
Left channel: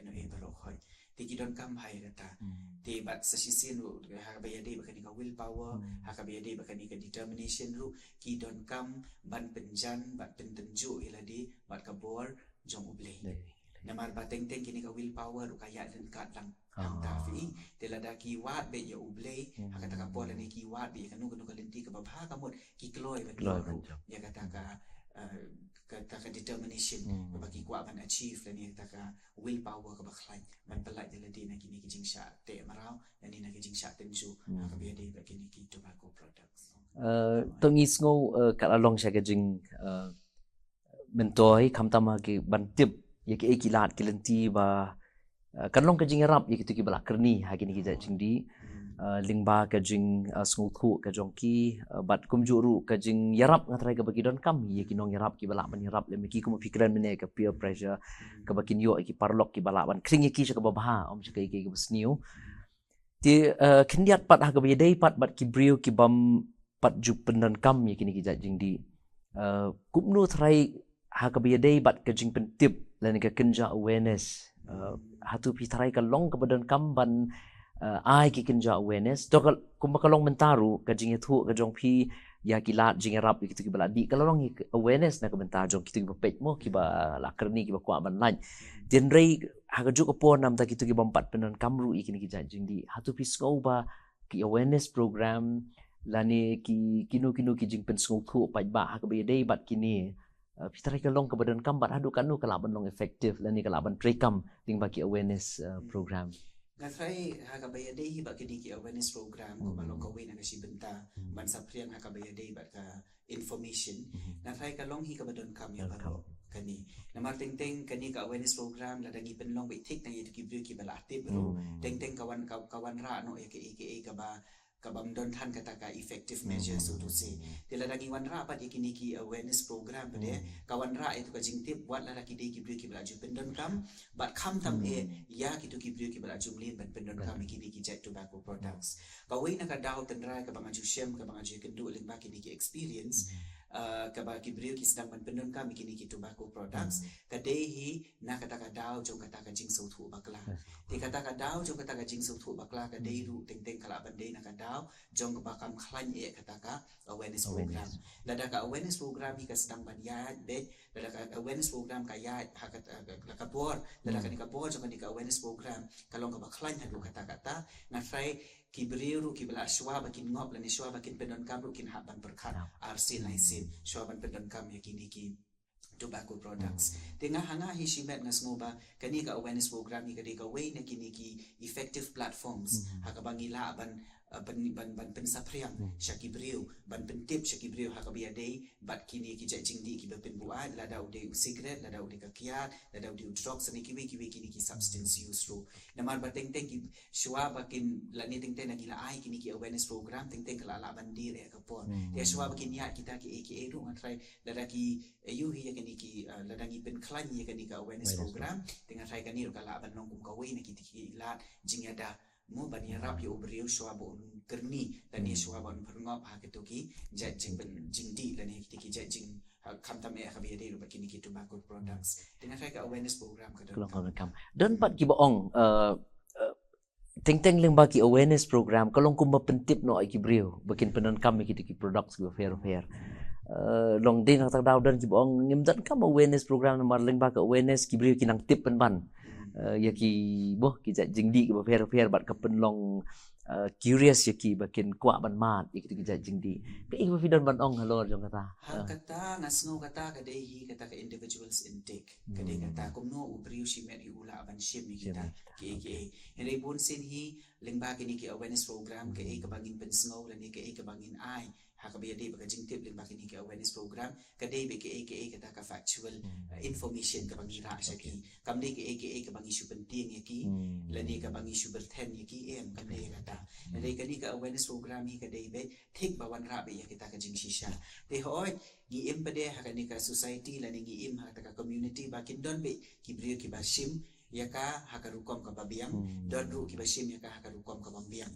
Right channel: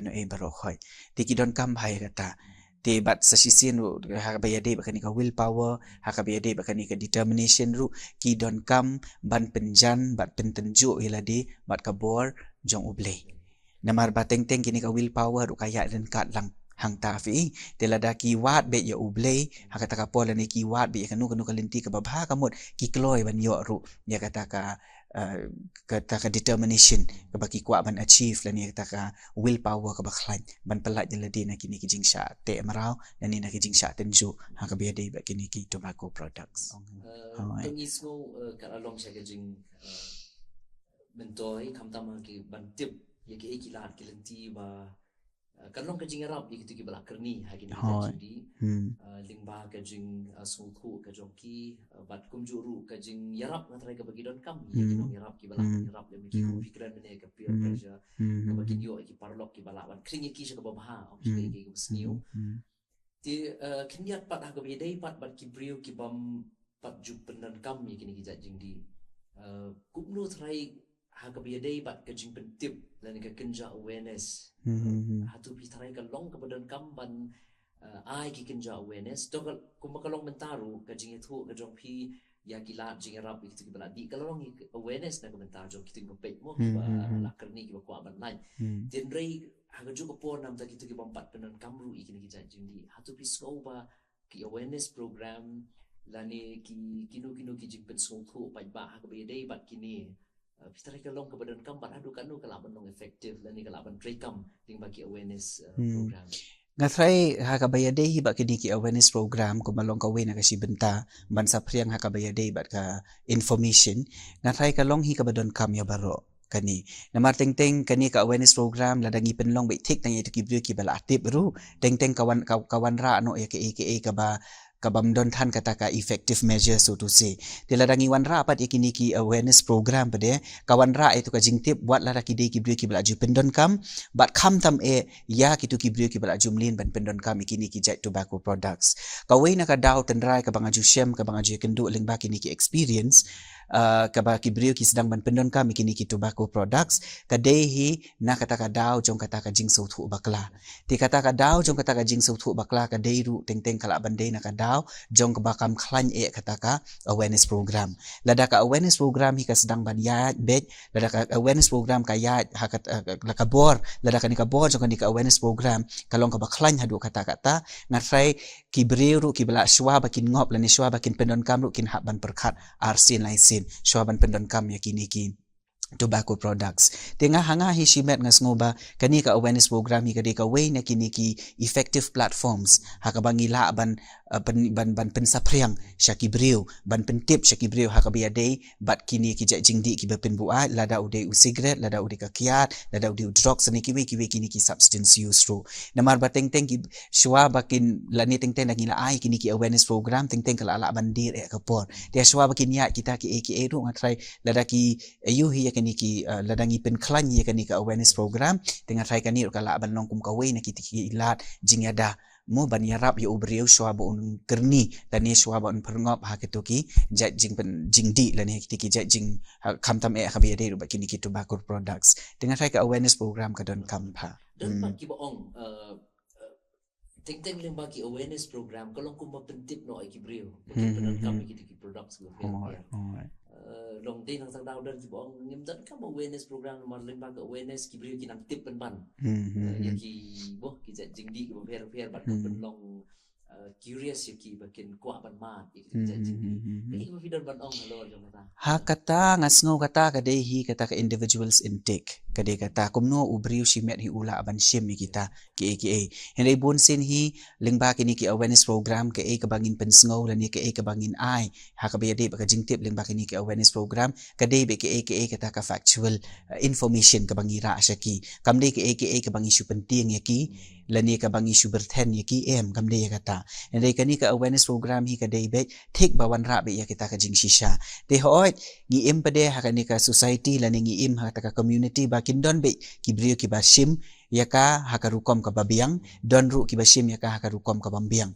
no baro khoi ti ki don kam bhai kata ti bat sa sisin ru ha ba ya de ba ka willpower ha ka ba ya de ba ka determination ru ki don kam ban penjan bat pentenju iladi bat ka bor jong uble namar bateng teng kini ka willpower ru kaya dan kat lang hang tafi telada ki wat be ya uble hakata ka pola ni ki wat be kanu kalenti ka babha kamot ki kloi ban yo ru ya kata ka determination ka baki kwa ban achieve la ni kata ka willpower ka baklan ban pelat jeladi na kini ki jingsha te marau dan ni na ki jingsha tenju ha ka be de ba kini ki tobacco products to ngis ngo ka long sha ka jing mentoi kamtama ki ban tip ya ki ekilat kilenti ba kan long ka jing rap ye kitu ki bala kerni ha kini kita jindi lingba ka jing skungku ka jongki bat kum juru ka jing yarap ngatrai ka bagi don kam ye kinong yarap ki bala ban yarap le miki kum pikiran mene ka peer pressure ka bagi yo ki parlok ki bala ban kring ye ki ka babha om ki ki besniu ti kendiat pat ha ka be dei pat bat ki brio ki bam pat ju pendan kam ye kini ki jindi kumnu trai ha ka be dei bat ka jing pentip lan ka kenja awareness hatu pitarai ka long ka badan kamban ai ki kenja awareness to kumba ka long mentaru ka jing thu ka jong pi ya ki lat jing rap ki tu bala di ka long awareness na ka bentar jong ki tu pet mo ki ba la kerni ki ba kwa ban lain den rei ha ka ju ka pon nam ta ki tu ki bampat penan kamru ikini ki jing di hatu pi sko ba ki awareness program lani ki kinu ki jing pen sko thu pa ba ha ka be dei bat kini pitarai ka long ka badan kam bat hadu kanu ka laban long effective lani ka laban prekam ting baki awareness program ngatrai ha ka bayade hi ba kini ki awareness program ko malong ka wena ka si benta ban sa priang ha ka bayade bat ka information ngatrai ka long hi ka badon kam ya baro kani namar teng teng kani ka awareness program ladangi penlong be tik tang ki brio ki bala aktif ru teng teng kawan ra no ya ke ka ba kabam don than kata ka effective measure so to say tiladangi wan ra pat ikini ki awareness program pade kawan ra itu ka jingtip buat la ki de ki brio ki bala ju pendon kam bat kham tam ya kitu ki brio ki bala jumlin ban pendon kam ikini ki jai tobacco products kawai na ka daw tendrai ka banga ju shem ka banga ju kendu ling ba kini ki experience ka ba ki brio ki sedang ban pendon kam ikini ki tobacco products ka dehi na kata ka daw jong kata ka jing so thu bakla ti kata ka daw jong kata ka jing so thu bakla ka deiru teng teng kala bandai na ka daw jong ka bakam khlan kata ka awareness program lada ka awareness program hi ka sedang ban ya bet lada ka awareness program ka ya hakat la ka bor lada ka ni ka bor jong ka ni ka awareness program kalong ka baklan hadu kata ngatrai ki brio ki bala shwa bakin ngop lani shwa bakin pendon kam ru kin haban perkhat arsin laisin shwaban pendon kam ya kini ki tobacco products tengah hanga hi shimet ngas ngoba kani ka awareness program hi ka way na kini ki effective platforms hakabangi la ban pensapriang syaki brio ban pentip syaki brio hakabia day bat kini ki jingdi ki bepen buat lada ude cigarette lada ude ka kiat lada ude drugs ni kiwi kini ki substance use ro namar bateng teng ki shwa bakin lani teng teng ngila ai kini ki awareness program teng teng kala ala bandir ka por dia shwa bakin ya kita ki ro ngatrai lada ki ayu hi kini ki ladangi pen klan ya kini ka awareness program dengan try kani kala ban long kum ka way na ki ilat jingyada mo ban yarap ya ubriu shwa ba un kerni la ni shwa ba un perngop ha ketuki jat jing ben jing di la ni tiki jat jing kamtam khabi ade ru ba kini ki tobacco products dengan sai ka awareness program ka don kam pa don pat ki baong teng leng ki awareness program kalong kum pentip no ai ki brio bakin penan kam ki products go fair long ding ang tagdaw dan ki baong ngim dan kam awareness program mar leng ka awareness ki brio kinang tip pen ban ya ki boh ki jingdi ki fair bat kam pen long curious ya ki bakin kwa ban mat ki jingdi ki ba fidan ban ong halo jong kata ha kata ngasngo kata kade hi kata ka individuals intake kade kata kumno ubriu shimet hi ula ban shim kita ki henday bun sin hi lingba kini ki awareness program ke ka bangin pensngo lan ke ka bangin ai ha ka bede ba ka jingtip lingba kini ki awareness program kade be ke kata ka factual information ka bangira syaki kamde ke ka bangi su penting ya ki lan ka bangi su berten ya ki kamde ya kata henday kani ka awareness program hi kade be thik bawan ra be ya kita ka jing shisha de hoit ngi pade ha kani ka society lan ngi ha ka community ba kindon be ki brio ki ba shim yaka hakarukom ka babiang don ru kibashim yaka hakarukom ka bambiang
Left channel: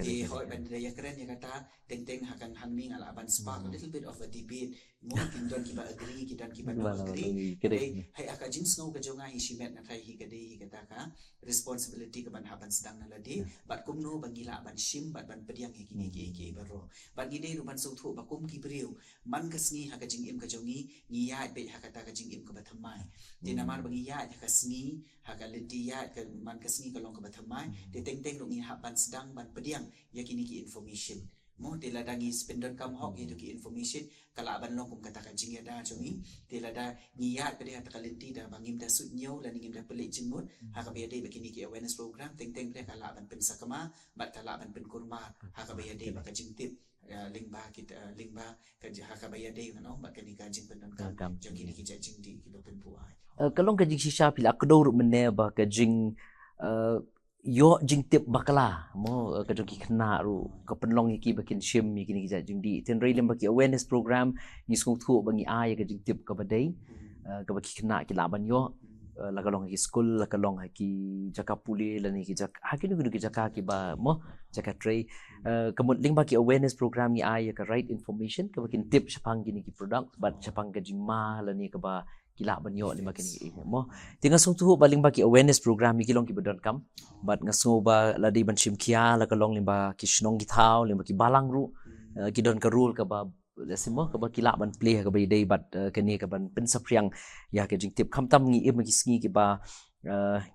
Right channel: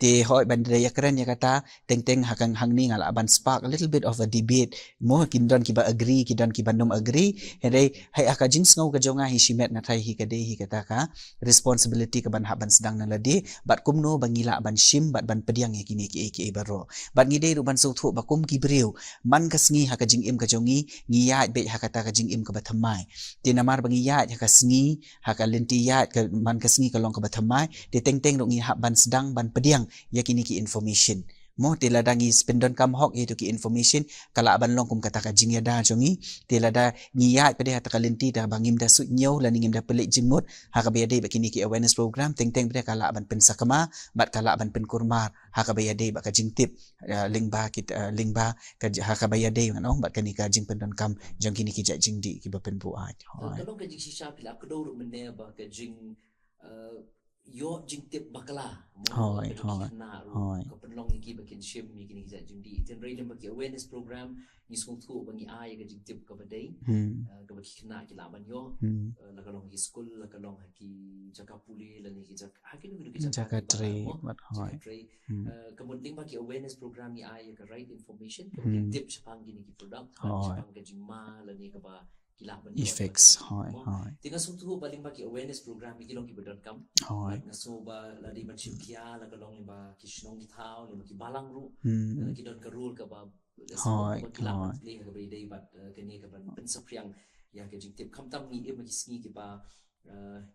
te hoy bandre yakran yakata teng hakang hangni ngala ban spark a little bit of a debate mo kindon kiba agree kidon kiba nom agree hedai hai aka jings ngau ka jonga hi shimet na thai hi kade hi kata ka responsibility ka ban haban sedang na ladi bat kumno bangila ban shim bat ban pediang yakini ki baro bat ngide ru ban so thu bakum ki breu man kasngi haka jing im ka jongi ngiyat be hakata ka jing im ka bathamai te namar bangi yat haka sngi haka lentiyat ka man kasngi ka long ka bathamai te teng ro ngi haban sedang ban pediang yakini ki information mo teladangi spendon kam hok itu ki information kala ban long kum kata ka jingya da jongi telada ngiyat pede hata kalenti da bangim da su nyau lan ngim da pelik jingmut haka bede bakini ki awareness program teng pede kala ban pensakama bat kala ban pen kurmar haka bede baka jingtip lingba ka haka bede ngano bat kani ka jing pendon kam jong kini ki jingdi ki ba pen bu ai kalong ka jing shisha pila akdor menne ba ka jing yo jing tip bakala mo ka jong kina ru ka penlong iki bakin shim iki ni jing di ten railim baki awareness program ni skung thu bangi ai ka jing tip ka badai ka baki kina ki laban yo la kalong ki school la kalong ki jaka puli la ni ki jaka hakin ki jaka ki ba mo jaka tray kamut ling baki awareness program ni ai ka right information ka bakin tip sapang kini ki product ban sapang ka jing ma la ni ka ba kila banyo mo tinga sung tu baling baki awareness program mi kilong ki badon kam but ngaso ba ladi ban shimkia la kalong limba ki shnong ki thau limba ki balang ru ki don ka rule ka ba lesmo ka ba kila ban play ka ba day but kani ka ban bin sapriang ya ke jing tip kham tam ngi em ki sngi ki ba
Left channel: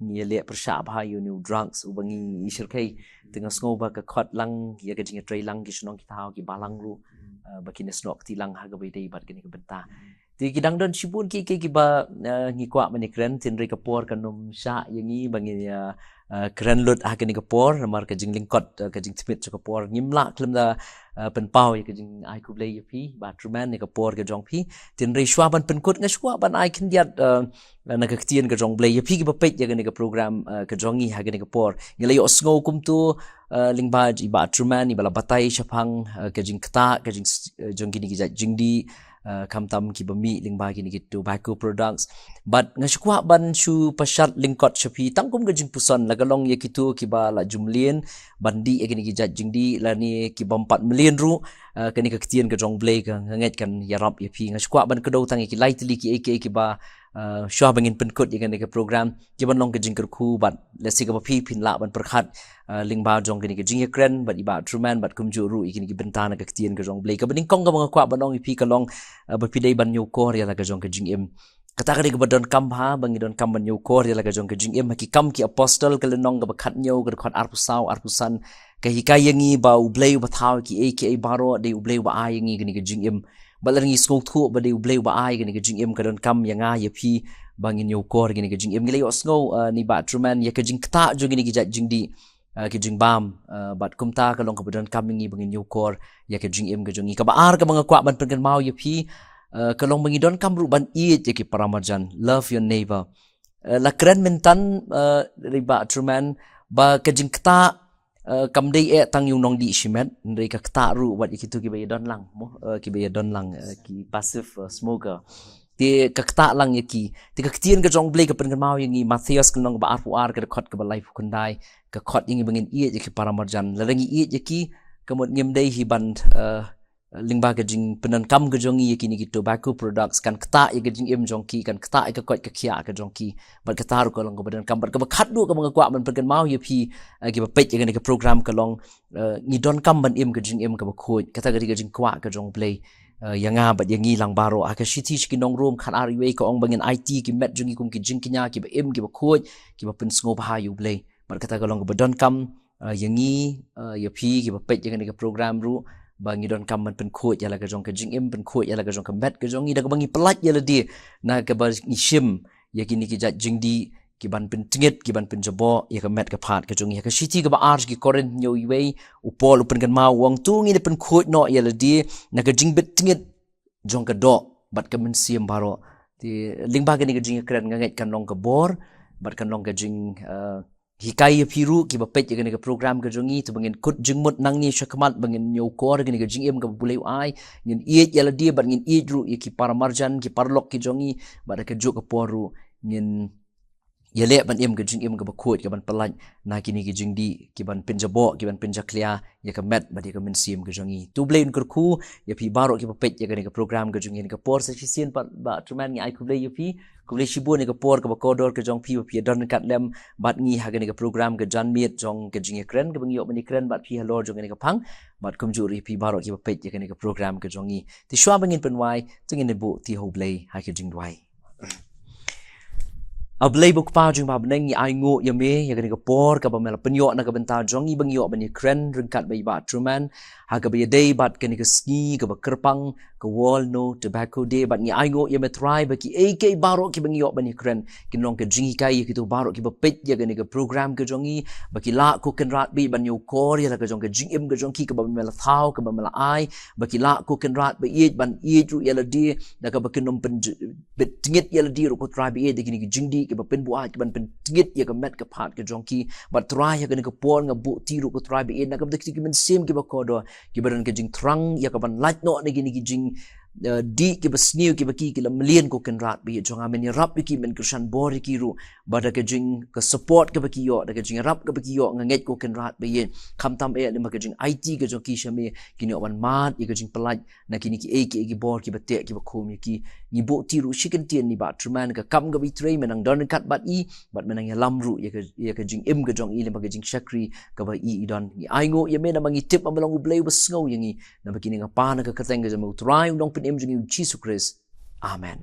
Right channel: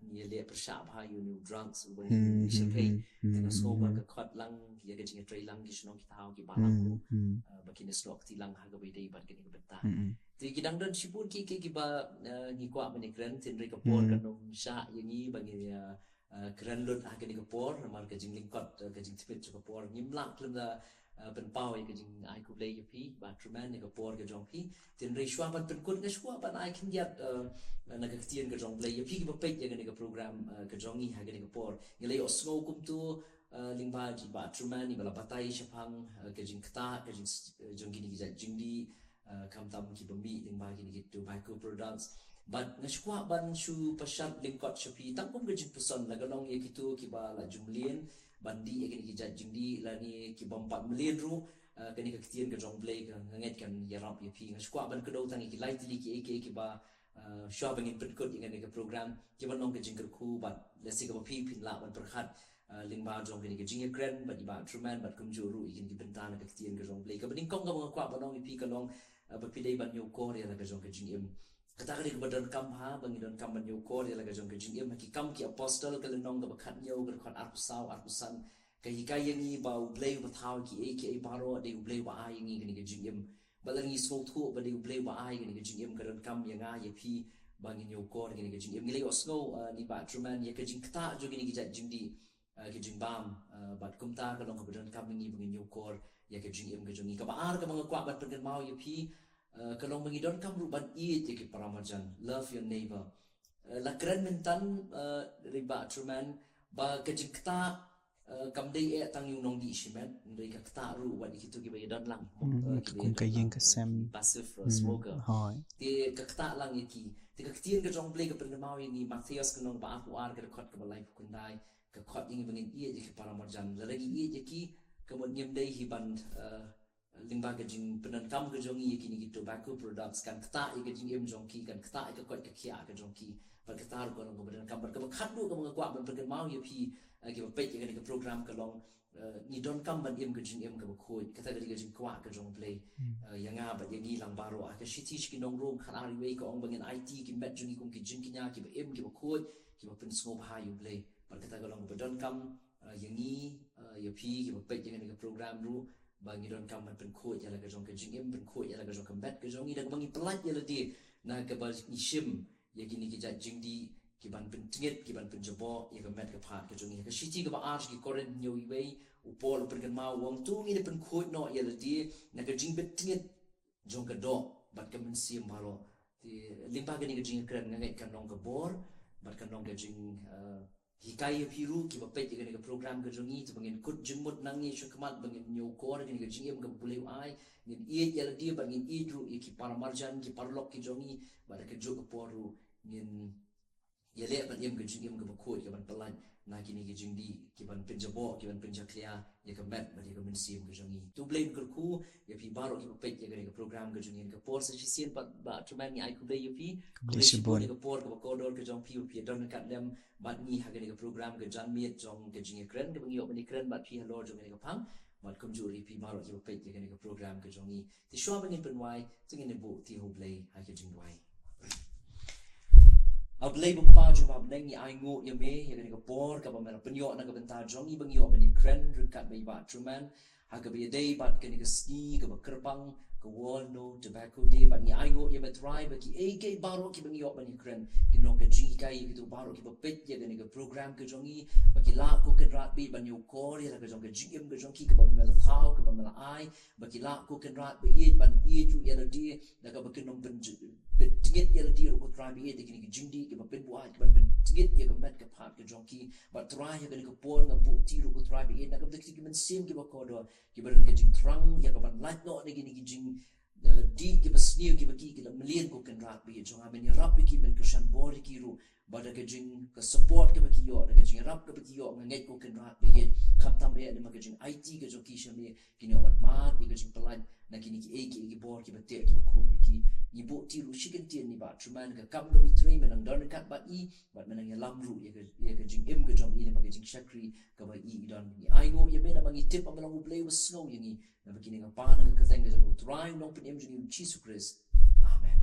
ngi le persha ba you new drugs ubangi ishil kai tinga sngo ba ka khot lang ya ke jing tray lang ki shnong ki thau ki balang ru ba ki nesnok ti lang ha ka ba day but kani ka benta ti kidang don sibun ki ba ngi kwa mani kren tin re kapor kanum sha yangi bangi kren lut ha kani kapor mar ka jing lingkot ka jing smith ka kapor ngimla klem da pen pau ka jing ai ku play pi ba truman ni kapor ka jong pi tin re shwa ban pen kut nga shwa ban ai kin yat na ka ktien ka jong play pi ki ba pek ya kani ka program ka jongi ha kani kapor ngila yo sngo kum tu lingba ji ba truman ni bala batai shapang ka jing kta ka jing jong kini ki jing di kamtam ki bami lingba kini gitu tobacco products but ngashkwa ban shu pashat lingkot shapi tangkum gajing pusan lagalong ye kitu ki ba la jumlien bandi ye kini ki jajing di la ni ki bam 4 million ru kani ka ktien ka jong blay ka nget kan yarap ye pi ngashkwa ban kedo tang ki lightly ki ba shwa bangin penkut ye kani ka program ki ban long ka jing ku bat lesi ka pi pin la ban perkhat lingba jong kini ke jing kren bat iba truman bat kumju ru ikini ki bentana ka ktien ka jong blay ka baning kong ka mga kwa banong ipi ka long bapidai ban nyu kor ya la ka jong ka jing im kata ka ka badon kam ha bangi don kam ban nyu kor ya la ka jong ka jing im ki kam ki apostle ka lenong ka bakhat nyu ka khot arpusan ka hikayangi ba ublay ba thaw ki aka baro de ublay ba ayangi kini ka jing im balangi skok thu ba de ublay ba ay kini ka jing im ka don kam yanga ya pi bangin nyu kor kini ka jing im ngilay osngo ni ba truman ya ka jing kta jong kini ki jing di ki jing bam bat kumta ka long ka badon kam ngi bangin nyu kor ya ka jing im ka jongi ka baar ka mga kwa ban pengen mau ya pi kalong mengidon kam ruban it yaki paramajan love your neighbor la keren mentan riba truman ba kajing kta kam dei tang yung nong di shimet ndai ka kta ru wat ikitu ki bay don lang ki bay don lang ki passive smoker ti ka kta lang yaki ti ka ktien ka jong blay ka pen mau yang i Matthias ka nong ba ar ka khot ka ba life kundai ka khot yang bangin i yaki paramarjan larangi i yaki kamot ngem dei hi band lingba ka jing penan kam ka jong i yaki ni tobacco products kan kta i ka jing em jong ki kan kta i ka khot ka khia ka jong ki bat ka tar ko long ka badan kam bat ka khat du ka mga kwa man pen mau yapi ki ba pet ka program ka long ni don kam ban em ka jing em ka ba khoi ka ta ka jing kwa ka jong play yanga bat yangi lang baro ka shiti ki nong room khan ari we ka ong bangin IT ki met jong kum ki jing kinya ki ba em ki ba khoi ki ba pen sngo ba yu play bat ka ta ka long ka don kam yangi yapi ki ba pet ka program ru bangi don kam man pen khoi yala ka jong ka jing em pen khoi yala ka jong ka met ka jong i da ka bangi pelat yala di na ka ba ni shim yakini ki jat jing di ki ban pen tingit ki ban pen jabo ya ka met ka phat ka jong ya ka shiti ka ba arj ki koren nyo iwei upol upen kan ma wang tu ngi pen khoi no yala di na ka jing bet tingit jong ka do bat ka men siam baro ti lingba ka ni ka jing kren nganget kan long ka bor bat kan long ka jing hikai piru ki ba pet ka ni ka program ka jongi tu bangin kut jingmut nang ni shakmat bangin nyo kor ka ni ka jing em ka buleu ai ngin iet yala di bat ngin iet ru ki para marjan ki parlok ki jongi bat ka juk ka poru ngin yale ban em ka jing em ka ba khot ka ban palan na kini ki jing di ki ban pinjabo ki ban pinjaklia ya ka met ba di ka men sim ka jongi tu blain kur khu ya pi baro ki ba pet ya ka ni ka program ka jongi ni ka por sa sien ba truman ngi ai ku blai ya pi ku blai shibu ni ka por ka ba kodor ka jong pi ba pi don kat lem bat ngi ha ka ni ka program ka jan miet jong ka jing kren ka bangi ni kren bat pi halor jong ni ka phang bat kum juri pi baro ki ba pet ya ka ni ka program ka jongi ti shwa bangin pen wai tingin ni bu ti ho blai ha ka jing dwai ablay buk pa jung ba beneng ai ngo ya me ya ka por ka ba mela penyo na ka benta jong i bang yo ban ni kren ringkat bai ba truman ha ka ba day bat ka ni ka ski ka ba kerpang ka wall no tobacco day bat ni ai ngo ya me try ba ki ak baro ki bang yo ban ni kren kin long ka jingi kai ki tu baro ki ba pet ya ka ni ka program ka jong i ba ki la ko ken rat bi ban yo kor ya ka jong ka jing im ka jong ki ka ba mela thau ka ba mela ai ba ki la ko ken rat ba i ban i ru ya la di da ka ba kin nom pen bet tingit ya la di ru ko try bi de ki ni jing di ki ba pen buat ki ban pen tingit ya ka met ka phat ka jong ki ba try ya ka ni ka pon nga bu ti ru ko try bi na ka ba ki men sim ki ba ko do ki baran ka jing trang ya ka ban light no ni ki jing di ki ba snew ki ba ki la million ko ken rat bi jong amen ya rap ki men kushan bor ki ru ba da ka jing ka support ka ba ki yo da ka jing rap ka ba ki yo nga nget ko ken rat bi kham tam e ni ma ka jing IT ka jong ki shame ki ni wan mat ya ka jing pelaj na ki ni ki bor ki ba te ki ba khom ki ni bo ti ru shiken tien ni ba truman ka kam ga bi tray menang don kat bat i bat menang ya lamru ya ka jing im ka jong i le ma ka jing shakri ka ba i don ni ai ngo ya me na mangi tip amalong u blay was ngo yangi na ba ki ni nga pa na ka kateng ga mo try dong pin im jing Jesus Christ amen